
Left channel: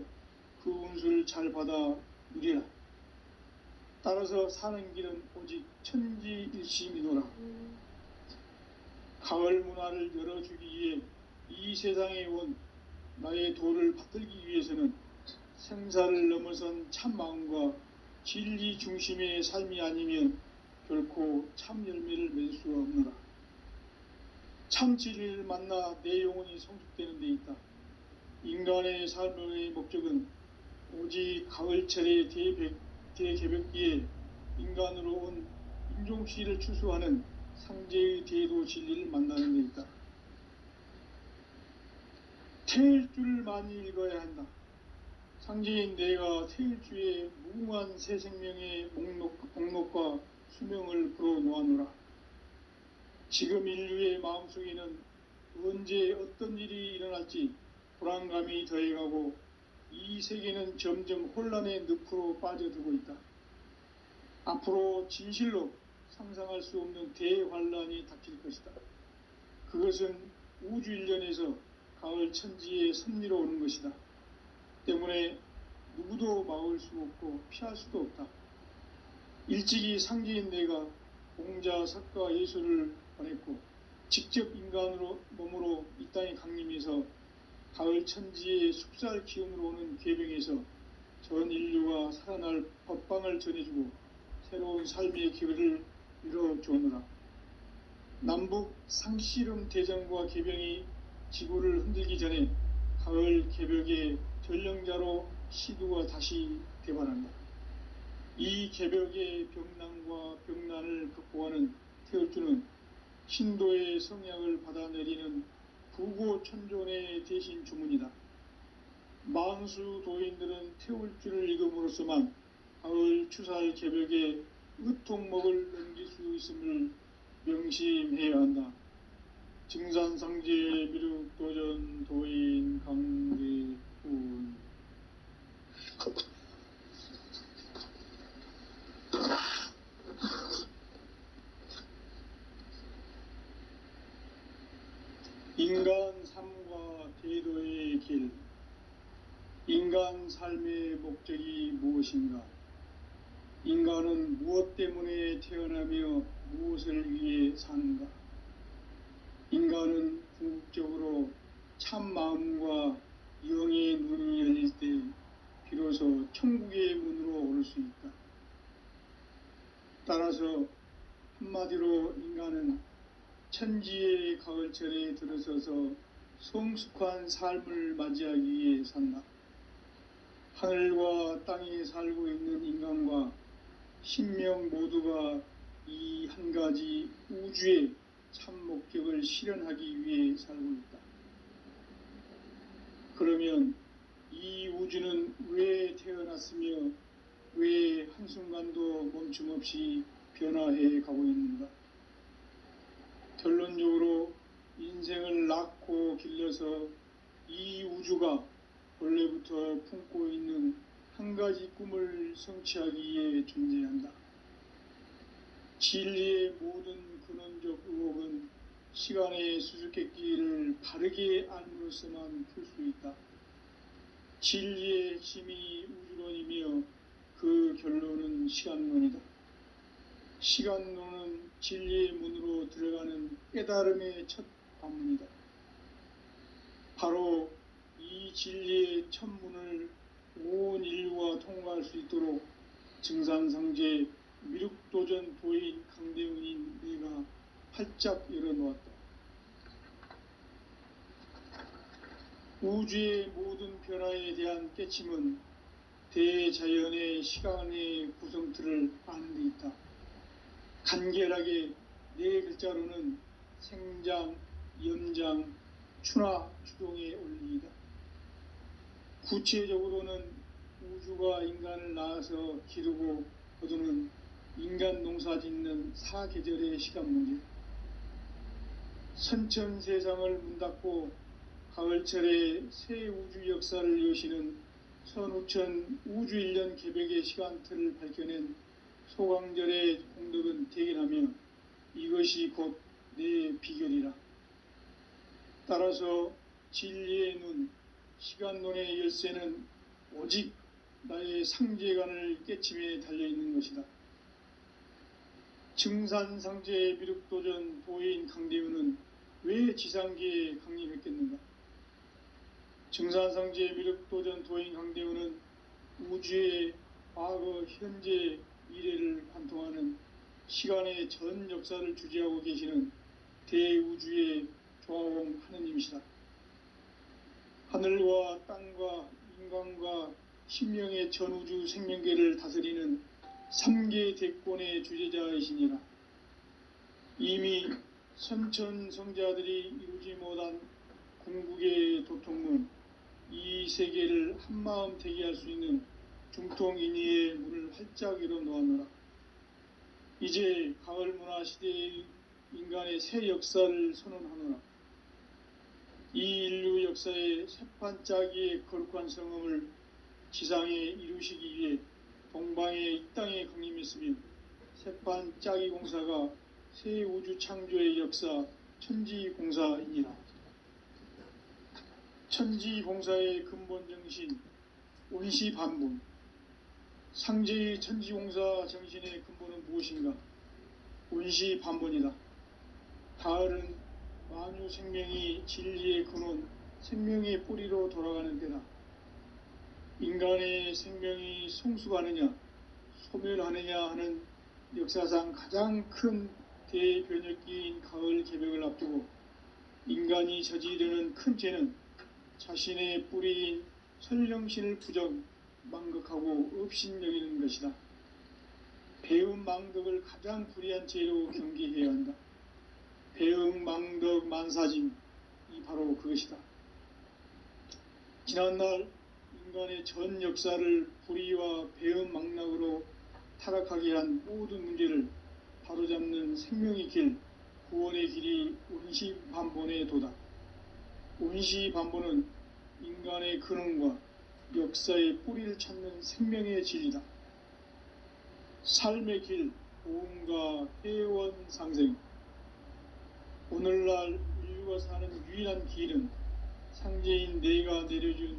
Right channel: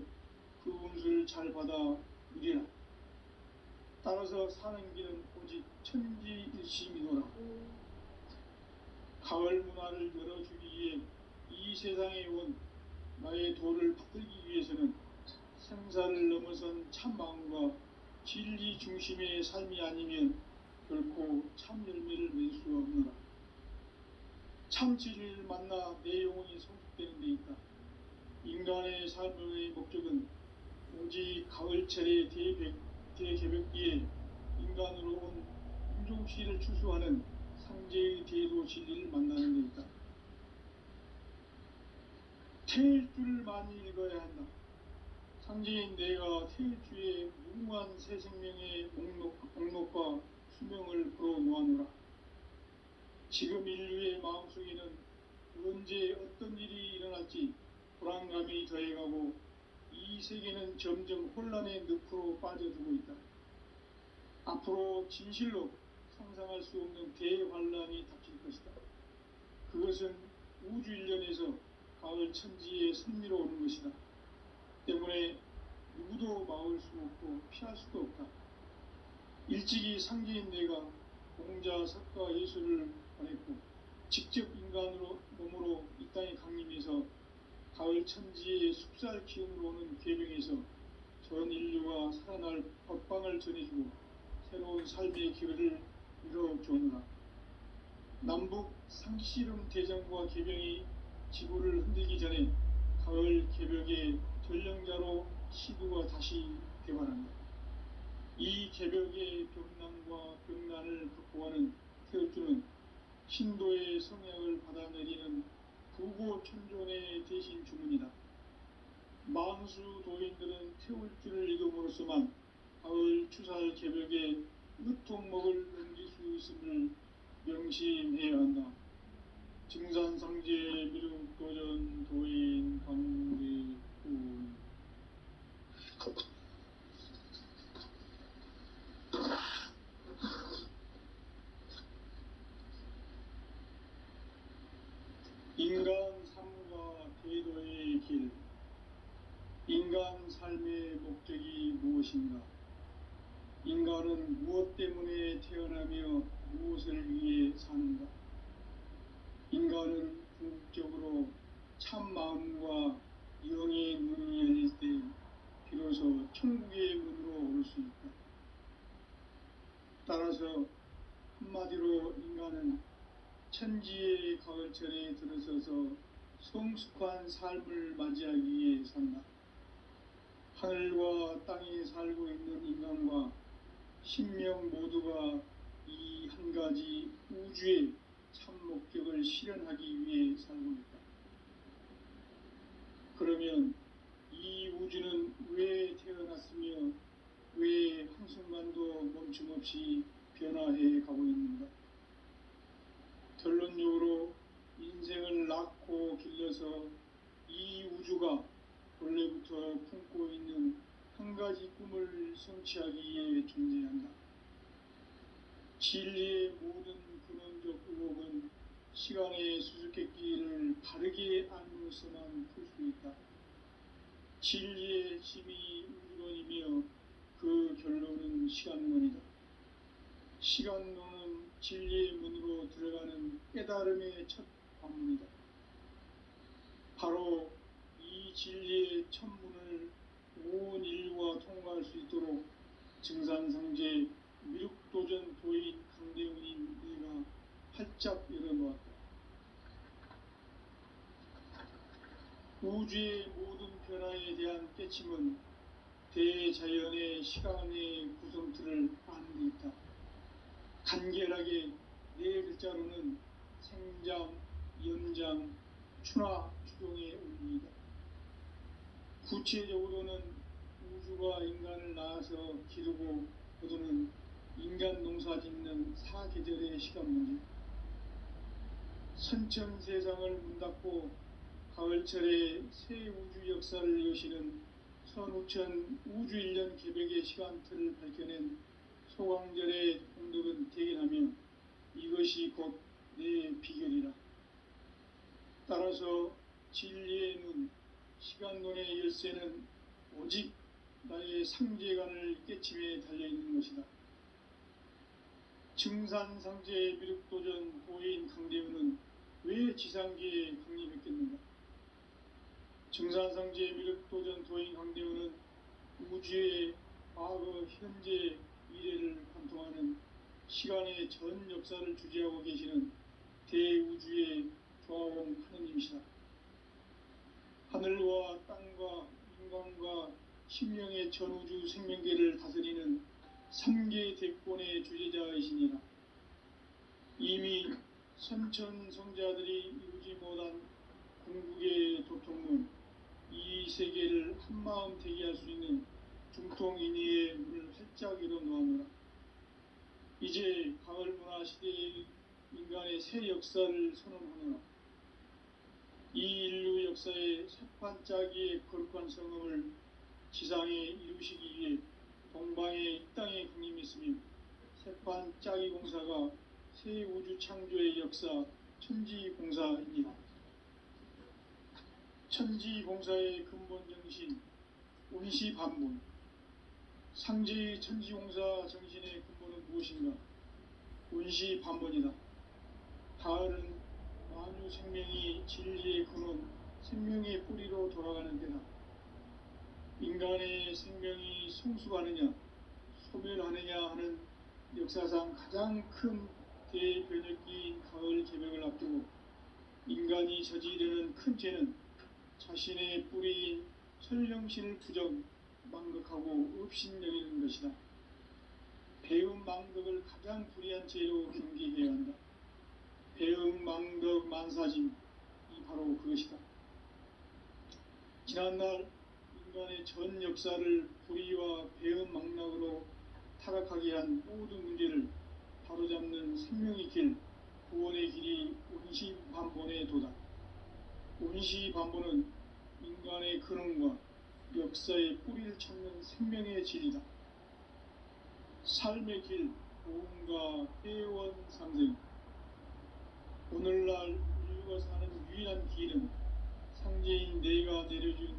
그 운수를 잘 받아 누리라. 따라서 사는 길은 오직 천지일심이노라. 가을 문화를 열어주기 위해 이 세상에 온 나의 도를 받들기 위해서는 생사를 넘어선 참 마음과 진리 중심의 삶이 아니면 결코 참 열매를 맺을 수가 없노라. 참 진리를 만나 내 영혼이 성숙되는 데 있다. 인간의 삶의 목적은 오직 가을철의 대개벽기에 인간으로 온 인종시를 추수하는 상제의 대도 진리를 만나는 데 있다. 태일주를 많이 읽어야 한다. 상제인 내가 태일주의 무궁한 새 생명의 목록과 수명을 풀어놓아노라. 지금 인류의 마음속에는 언제 어떤 일이 일어날지 불안감이 더해가고 이 세계는 점점 혼란의 늪으로 빠져들고 있다. 앞으로 진실로 상상할 수 없는 대환란이 닥칠 것이다. 그것은 우주 일련에서 가을 천지의 섭리로 오는 것이다. 때문에 누구도 막을 수 없고 피할 수도 없다. 일찍이 상제인 내가 공자, 석가, 예수를 보냈고 직접 인간으로 몸으로 이 땅에 강림해서 가을 천지의 숲살 기운으로 오는 계병에서 전 인류가 살아날 법방을 전해주고 새로운 삶의 기회를 이뤄주느라. 남북 상씨름 대전과 계병이 지구를 흔들기 전에 가을 개벽의 전령자로 시두가 다시 개발한다. 이 개벽의 병난과 병난을 극복하는 태울주는 신도의 성향을 받아내리는 부고천존의 대신 주문이다. 망수 도인들은 태울주를 읽음으로써만 가을 추살 개벽의 으통목을 넘길 수 있음을 명심해야 한다. 증산상제 미륵도전 도인 강대훈. 인간 삶과 대도의 길. 인간 삶의 목적이 무엇인가? 인간은 무엇 때문에 태어나며 무엇을 위해 사는가? 인간은 궁극적으로 참 마음과 영의 눈이 열릴 때 비로소 천국의 문으로 올 수 있다. 따라서 한마디로 인간은 천지의 가을철에 들어서서 성숙한 삶을 맞이하기 위해 산다. 하늘과 땅에 살고 있는 인간과 신명 모두가 이 한 가지 우주의 참 목적을 실현하기 위해 살고 있다. 그러면 이 우주는 왜 태어났으며 왜 한순간도 멈춤없이 변화해 가고 있는가? 결론적으로 인생을 낳고 길러서 이 우주가 원래부터 품고 있는 한 가지 꿈을 성취하기 위해 존재한다. 진리의 모든 근원적 의혹은 시간의 수수께끼를 바르게 알므로서만 풀 수 있다. 진리의 힘이 우주론이며 그 결론은 시간론이다. 시간론은 진리의 문으로 들어가는 깨달음의 첫 관문이다. 바로 이 진리의 첫 문을 온 인류가 통과할 수 있도록 증산상제 미륵도전 도인 강대훈인 내가 활짝 열어놓았다. 우주의 모든 변화에 대한 깨침은 대자연의 시간의 구성틀을 아는 데 있다. 간결하게 네 글자로는 생장, 연장, 추나 추동의 원리이다. 구체적으로는 우주가 인간을 낳아서 기르고 거두는 인간 농사 짓는 사계절의 시간 문제, 선천 세상을 문 닫고 가을철에 새 우주 역사를 여시는 선우천 우주 1년 개벽의 시간틀을 밝혀낸 소강절의 공덕은 대견하며 이것이 곧 내 비결이라. 따라서 진리의 눈, 시간론의 열쇠는 오직 나의 상제관을 깨침에 달려있는 것이다. 증산상제의 미륵도전 도인 강대우는 왜 지상계에 강림했겠는가? 증산상제의 미륵도전 도인 강대우는 우주의 과거, 현재, 미래를 관통하는 시간의 전 역사를 주재하고 계시는 대우주의 조화공 하느님이시다. 하늘과 땅과 인간과 신명의 전우주 생명계를 다스리는 3계 대권의 주제자이시니라. 이미 선천성자들이 이루지 못한 궁극의 도통문, 이 세계를 한마음 되게 할 수 있는 중통인의의 문을 활짝 열어놓았노라. 이제 가을문화 시대의 인간의 새 역사를 선언하노라. 이 인류 역사의 새판짜기의 거룩한 성음을 지상에 이루시기 위해 동방의 이 땅에 강림했으며 새판짜기 공사가 새 우주 창조의 역사 천지공사입니다. 천지공사의 근본 정신 온시반분, 상제의 천지공사 정신의 근본은 무엇인가? 온시반분이다. 가을은 만유 생명이 진리의 근원, 생명의 뿌리로 돌아가는 때다. 인간의 생명이 성숙하느냐, 소멸하느냐 하는 역사상 가장 큰 대변혁기인 가을 개벽을 앞두고 인간이 저지르는 큰 죄는 자신의 뿌리인 설령신을 부정, 망극하고 업신여기는 것이다. 배음 망덕을 가장 불의한 죄로 경계해야 한다. 배음 망덕 만사짐이 바로 그것이다. 지난날 인간의 전 역사를 불의와 배음 망락으로 타락하게 한 모든 문제를 바로잡는 생명의 길, 구원의 길이 온시반본의 도다. 온시반본은 인간의 근원과 역사의 뿌리를 찾는 생명의 진리다. 삶의 길, 보험과 회원 상생. 오늘날 인류가 사는 유일한 길은 상제인 내가 내려준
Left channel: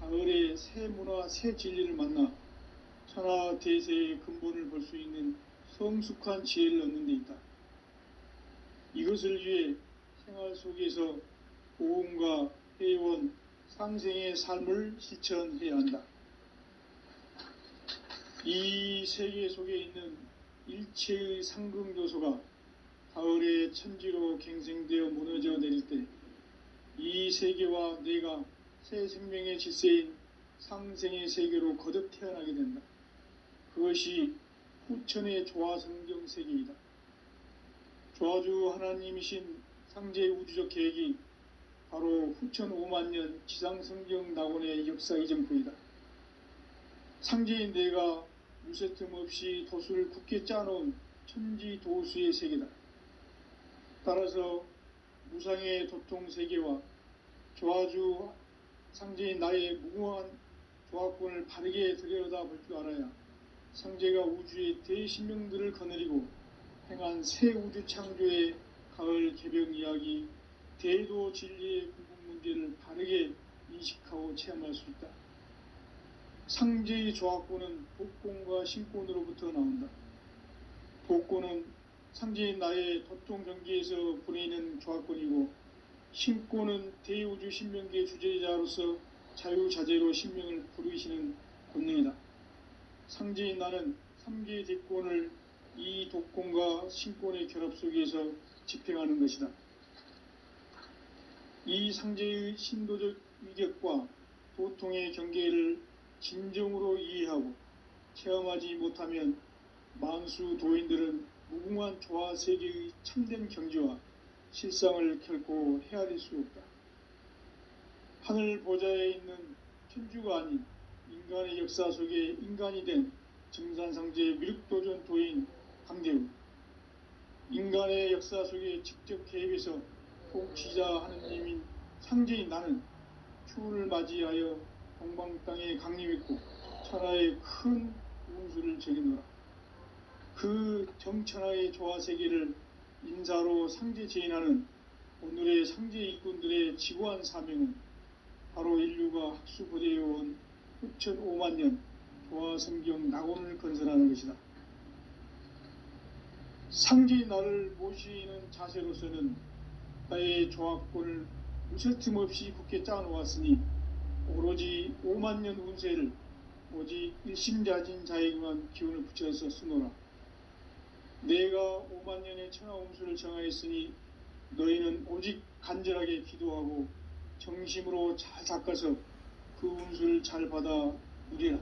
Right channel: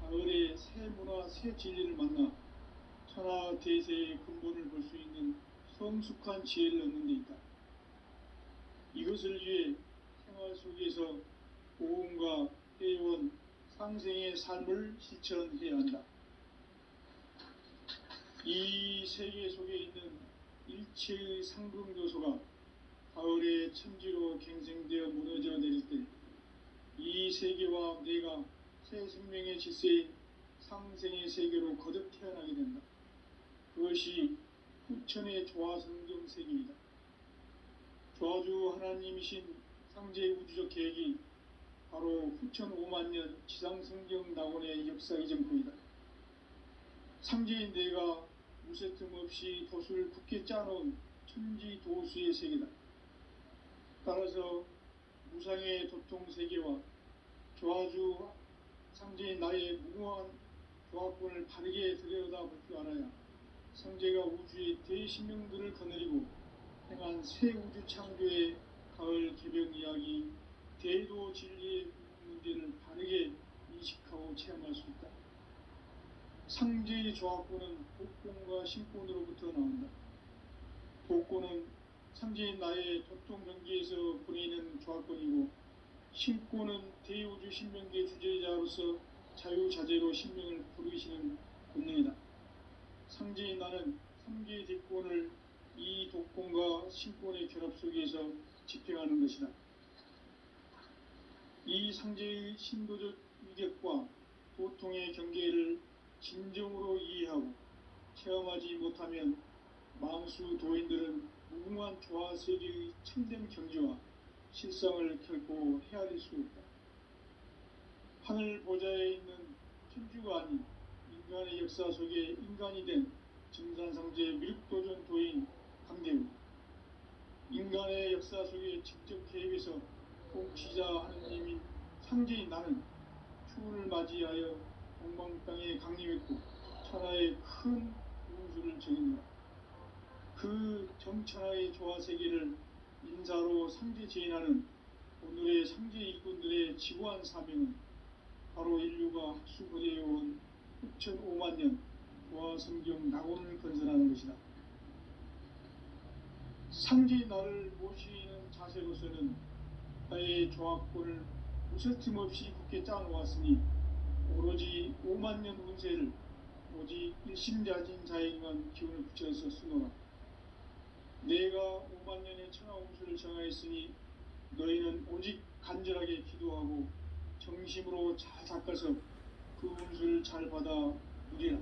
가을의 새 문화, 새 진리를 만나 천하 대세의 근본을 볼 수 있는 성숙한 지혜를 얻는 데 있다. 이것을 위해 생활 속에서 보험과 회원, 상생의 삶을 실천해야 한다. 이 세계 속에 있는 일체의 상승요소가 가을의 천지로 갱생되어 무너져 내릴 때 이 세계와 내가 새 생명의 질서인 상생의 세계로 거듭 태어나게 된다. 그것이 후천의 조화성경 세계이다. 조화주 하나님이신 상제의 우주적 계획이 바로 후천 5만년 지상성경 낙원의 역사 이정표이다. 상제인 내가 무쇠틈 없이 도수를 굳게 짜놓은 천지도수의 세계다. 따라서 무상의 도통세계와 조화주 상제인 나의 무궁한 조화권을 바르게 들여다볼 줄 알아야 상제가 우주의 대신명들을 거느리고 행한 새 우주 창조의 가을 개벽 이야기, 대도 진리의 구분 문제를 바르게 인식하고 체험할 수 있다. 상제의 조화권은 복권과 신권으로부터 나온다. 복권은 상제인 나의 도통 경계에서 보내는 조화권이고, 신권은 대우주 신명계 주제자로서 자유자재로 신명을 부르시는 권능이다. 상제인 나는 3계 대권을 이 독권과 신권의 결합 속에서 집행하는 것이다. 이 상제의 신도적 위격과 도통의 경계를 진정으로 이해하고 체험하지 못하면 만수 도인들은 무궁한 조화 세계의 참된 경지와 실상을 결코 헤아릴 수 없다. 하늘 보좌에 있는 천주가 아닌 인간의 역사 속에 인간이 된 증산상제 미륵도전 도인 강대우, 인간의 역사 속에 직접 개입해서 통치자 하느님인 상제인 나는 추운을 맞이하여 동방 땅에 강림했고 천하의 큰 운수를 적이노라. 그 정천하의 조화세계를 인사로 상제 제인하는 오늘의 상제 일꾼들의 지고한 사명은 바로 인류가 학수고대해온 흡천 5만 년 조화성경 낙원을 건설하는 것이다. 상제의 나를 모시는 자세로서는 나의 조합권을 무쇠틈 없이 굳게 짜놓았으니 오로지 5만 년 운세를 오직 일심자진 자에게만 기운을 붙여서 쓰노라. 내가 5만 년의 천하 운수를 정하였으니 너희는 오직 간절하게 기도하고 정심으로 잘 닦아서 그 운수를 잘 받아 누리라.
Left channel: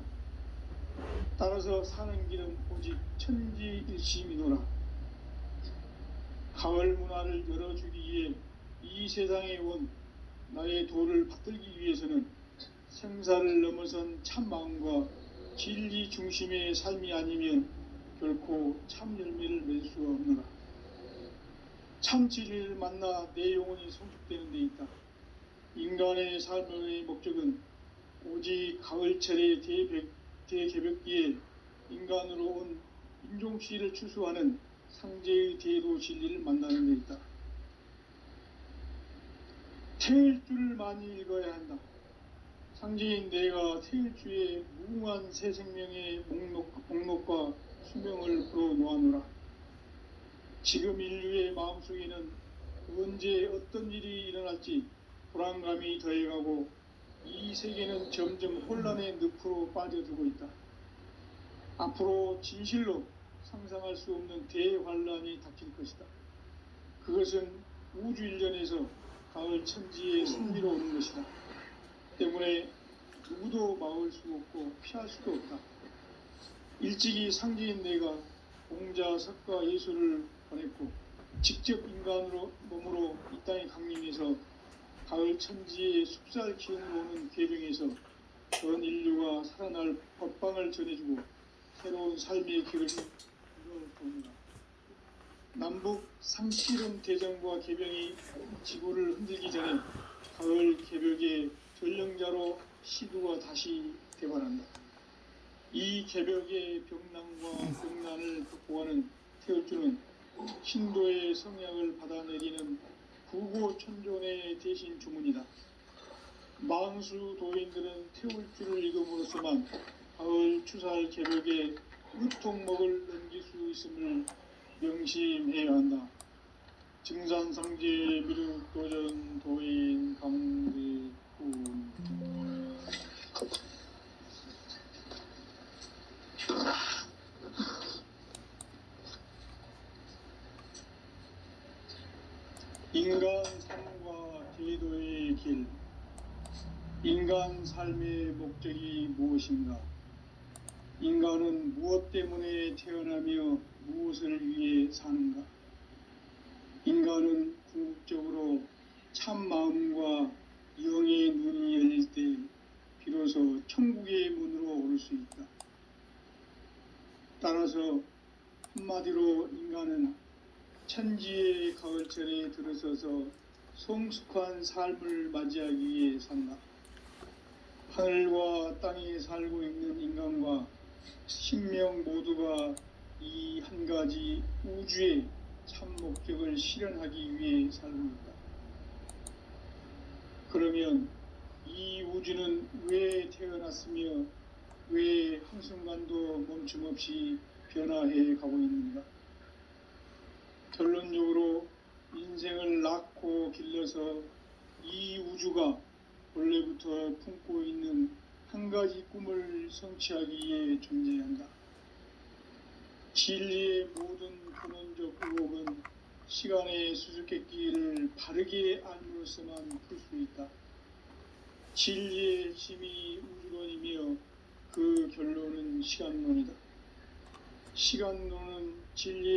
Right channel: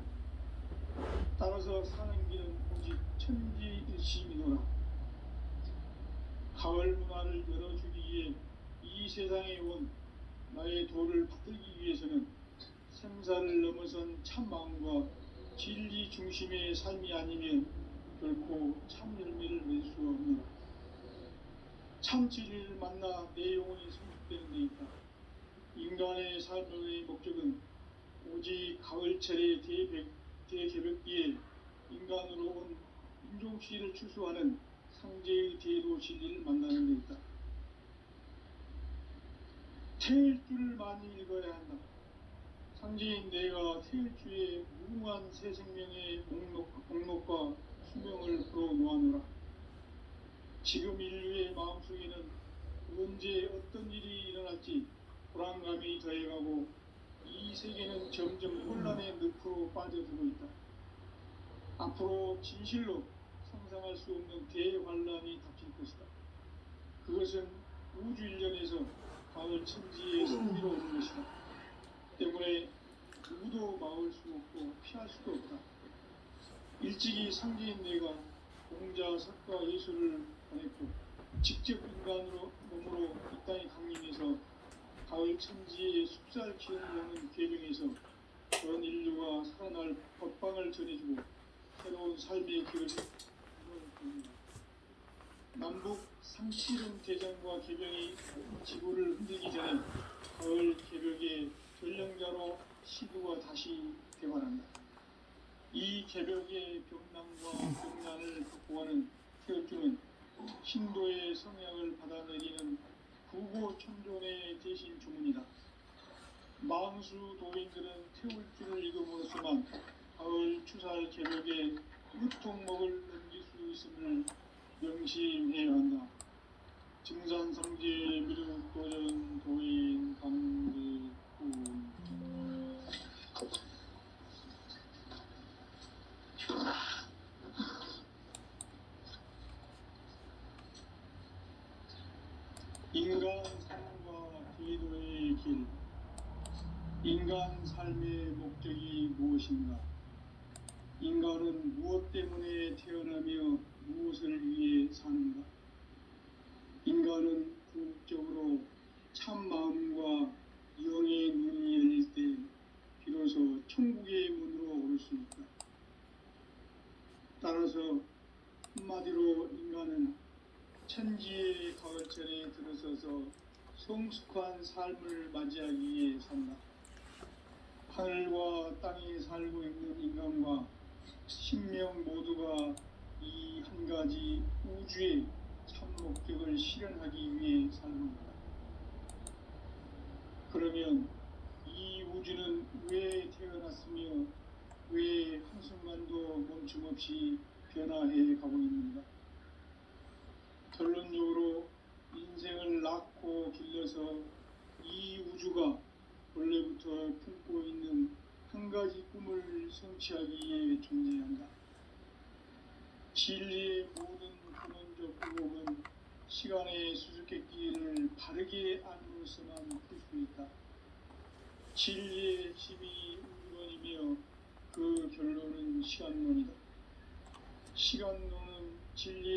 따라서 사는 길은 오직 천지일심이노라. 가을 문화를 열어주기 위해 이 세상에 온 나의 도를 받들기 위해서는 생사를 넘어선 참 마음과 진리 중심의 삶이 아니면 결코 참 열매를 맺을 수가 없노라. 참 진리를 만나 내 영혼이 성숙되는 데 있다. 인간의 삶의 목적은 오직 가을철의 대개벽기에 인간으로 온 인종시를 추수하는 상제의 대도 진리를 만나는 데 있다. 태을 줄을 많이 읽어야 한다. 상제인 내가 태을 주에 무궁한 새 생명의 목록과 수명을 풀어놓아노라. 지금 인류의 마음속에는 언제 어떤 일이 일어날지 불안감이 더해가고 이 세계는 점점 혼란의 늪으로 빠져들고 있다. 앞으로 진실로 상상할 수 없는 대환란이 닥칠 것이다. 그것은 우주 일련에서 가을 천지의 승리로 오는 것이다. 때문에 누구도 막을 수 없고 피할 수도 없다. 일찍이 상제인 내가 공자, 석가, 예수를 보냈고 직접 인간으로 몸으로 이 땅에 강림해서 가을 천지의 숲살 기운으로 오는 계명에서 전 인류가 살아날 법방을 전해주고 새로운 삶의 길을 봅니다. 남북 3.7은 대전과 개병이 지구를 흔들기 전에 가을 개벽의 전령자로 시구가 다시 되관한다. 이 개벽의 병난과 병난을 극복하는 태울주는 신도의 성향을 받아내리는 구고천존의 대신 주문이다. 망수 도인들은 태울주를 읽음으로써만 가을 추살 개벽의 으통목을 넘길 수 있음을 명심해야 한다. 증산상제 미륵도전 도인 강대군. 인간 삶과 제도의 길. 인간 삶의 목적이 무엇인가? 인간은 무엇 때문에 태어나며 무엇을 위해 사는가? 인간은 궁극적으로 참 마음과 영의 눈이 열릴 때 비로소 천국의 문으로 오를 수 있다. 따라서 한마디로 인간은 천지의 가을철에 들어서서 성숙한 삶을 맞이하기 위해 산다. 하늘과 땅에 살고 있는 인간과 신명 모두가 이 한 가지 우주의 참 목적을 실현하기 위해 살고 있다. 그러면 이 우주는 왜 태어났으며 왜 한순간도 멈춤없이 변화해 가고 있는가? 결론적으로 인생을 낳고 길러서 이 우주가 원래부터 품고 있는 한 가지 꿈을 성취하기 위해 존재한다. 진리의 모든 근원적 의혹은 시간의 수수께끼를 바르게 알므로서만 풀 수 있다. 진리의 힘이 우주론이며 그 결론은 시간론이다. 시간론은 진리의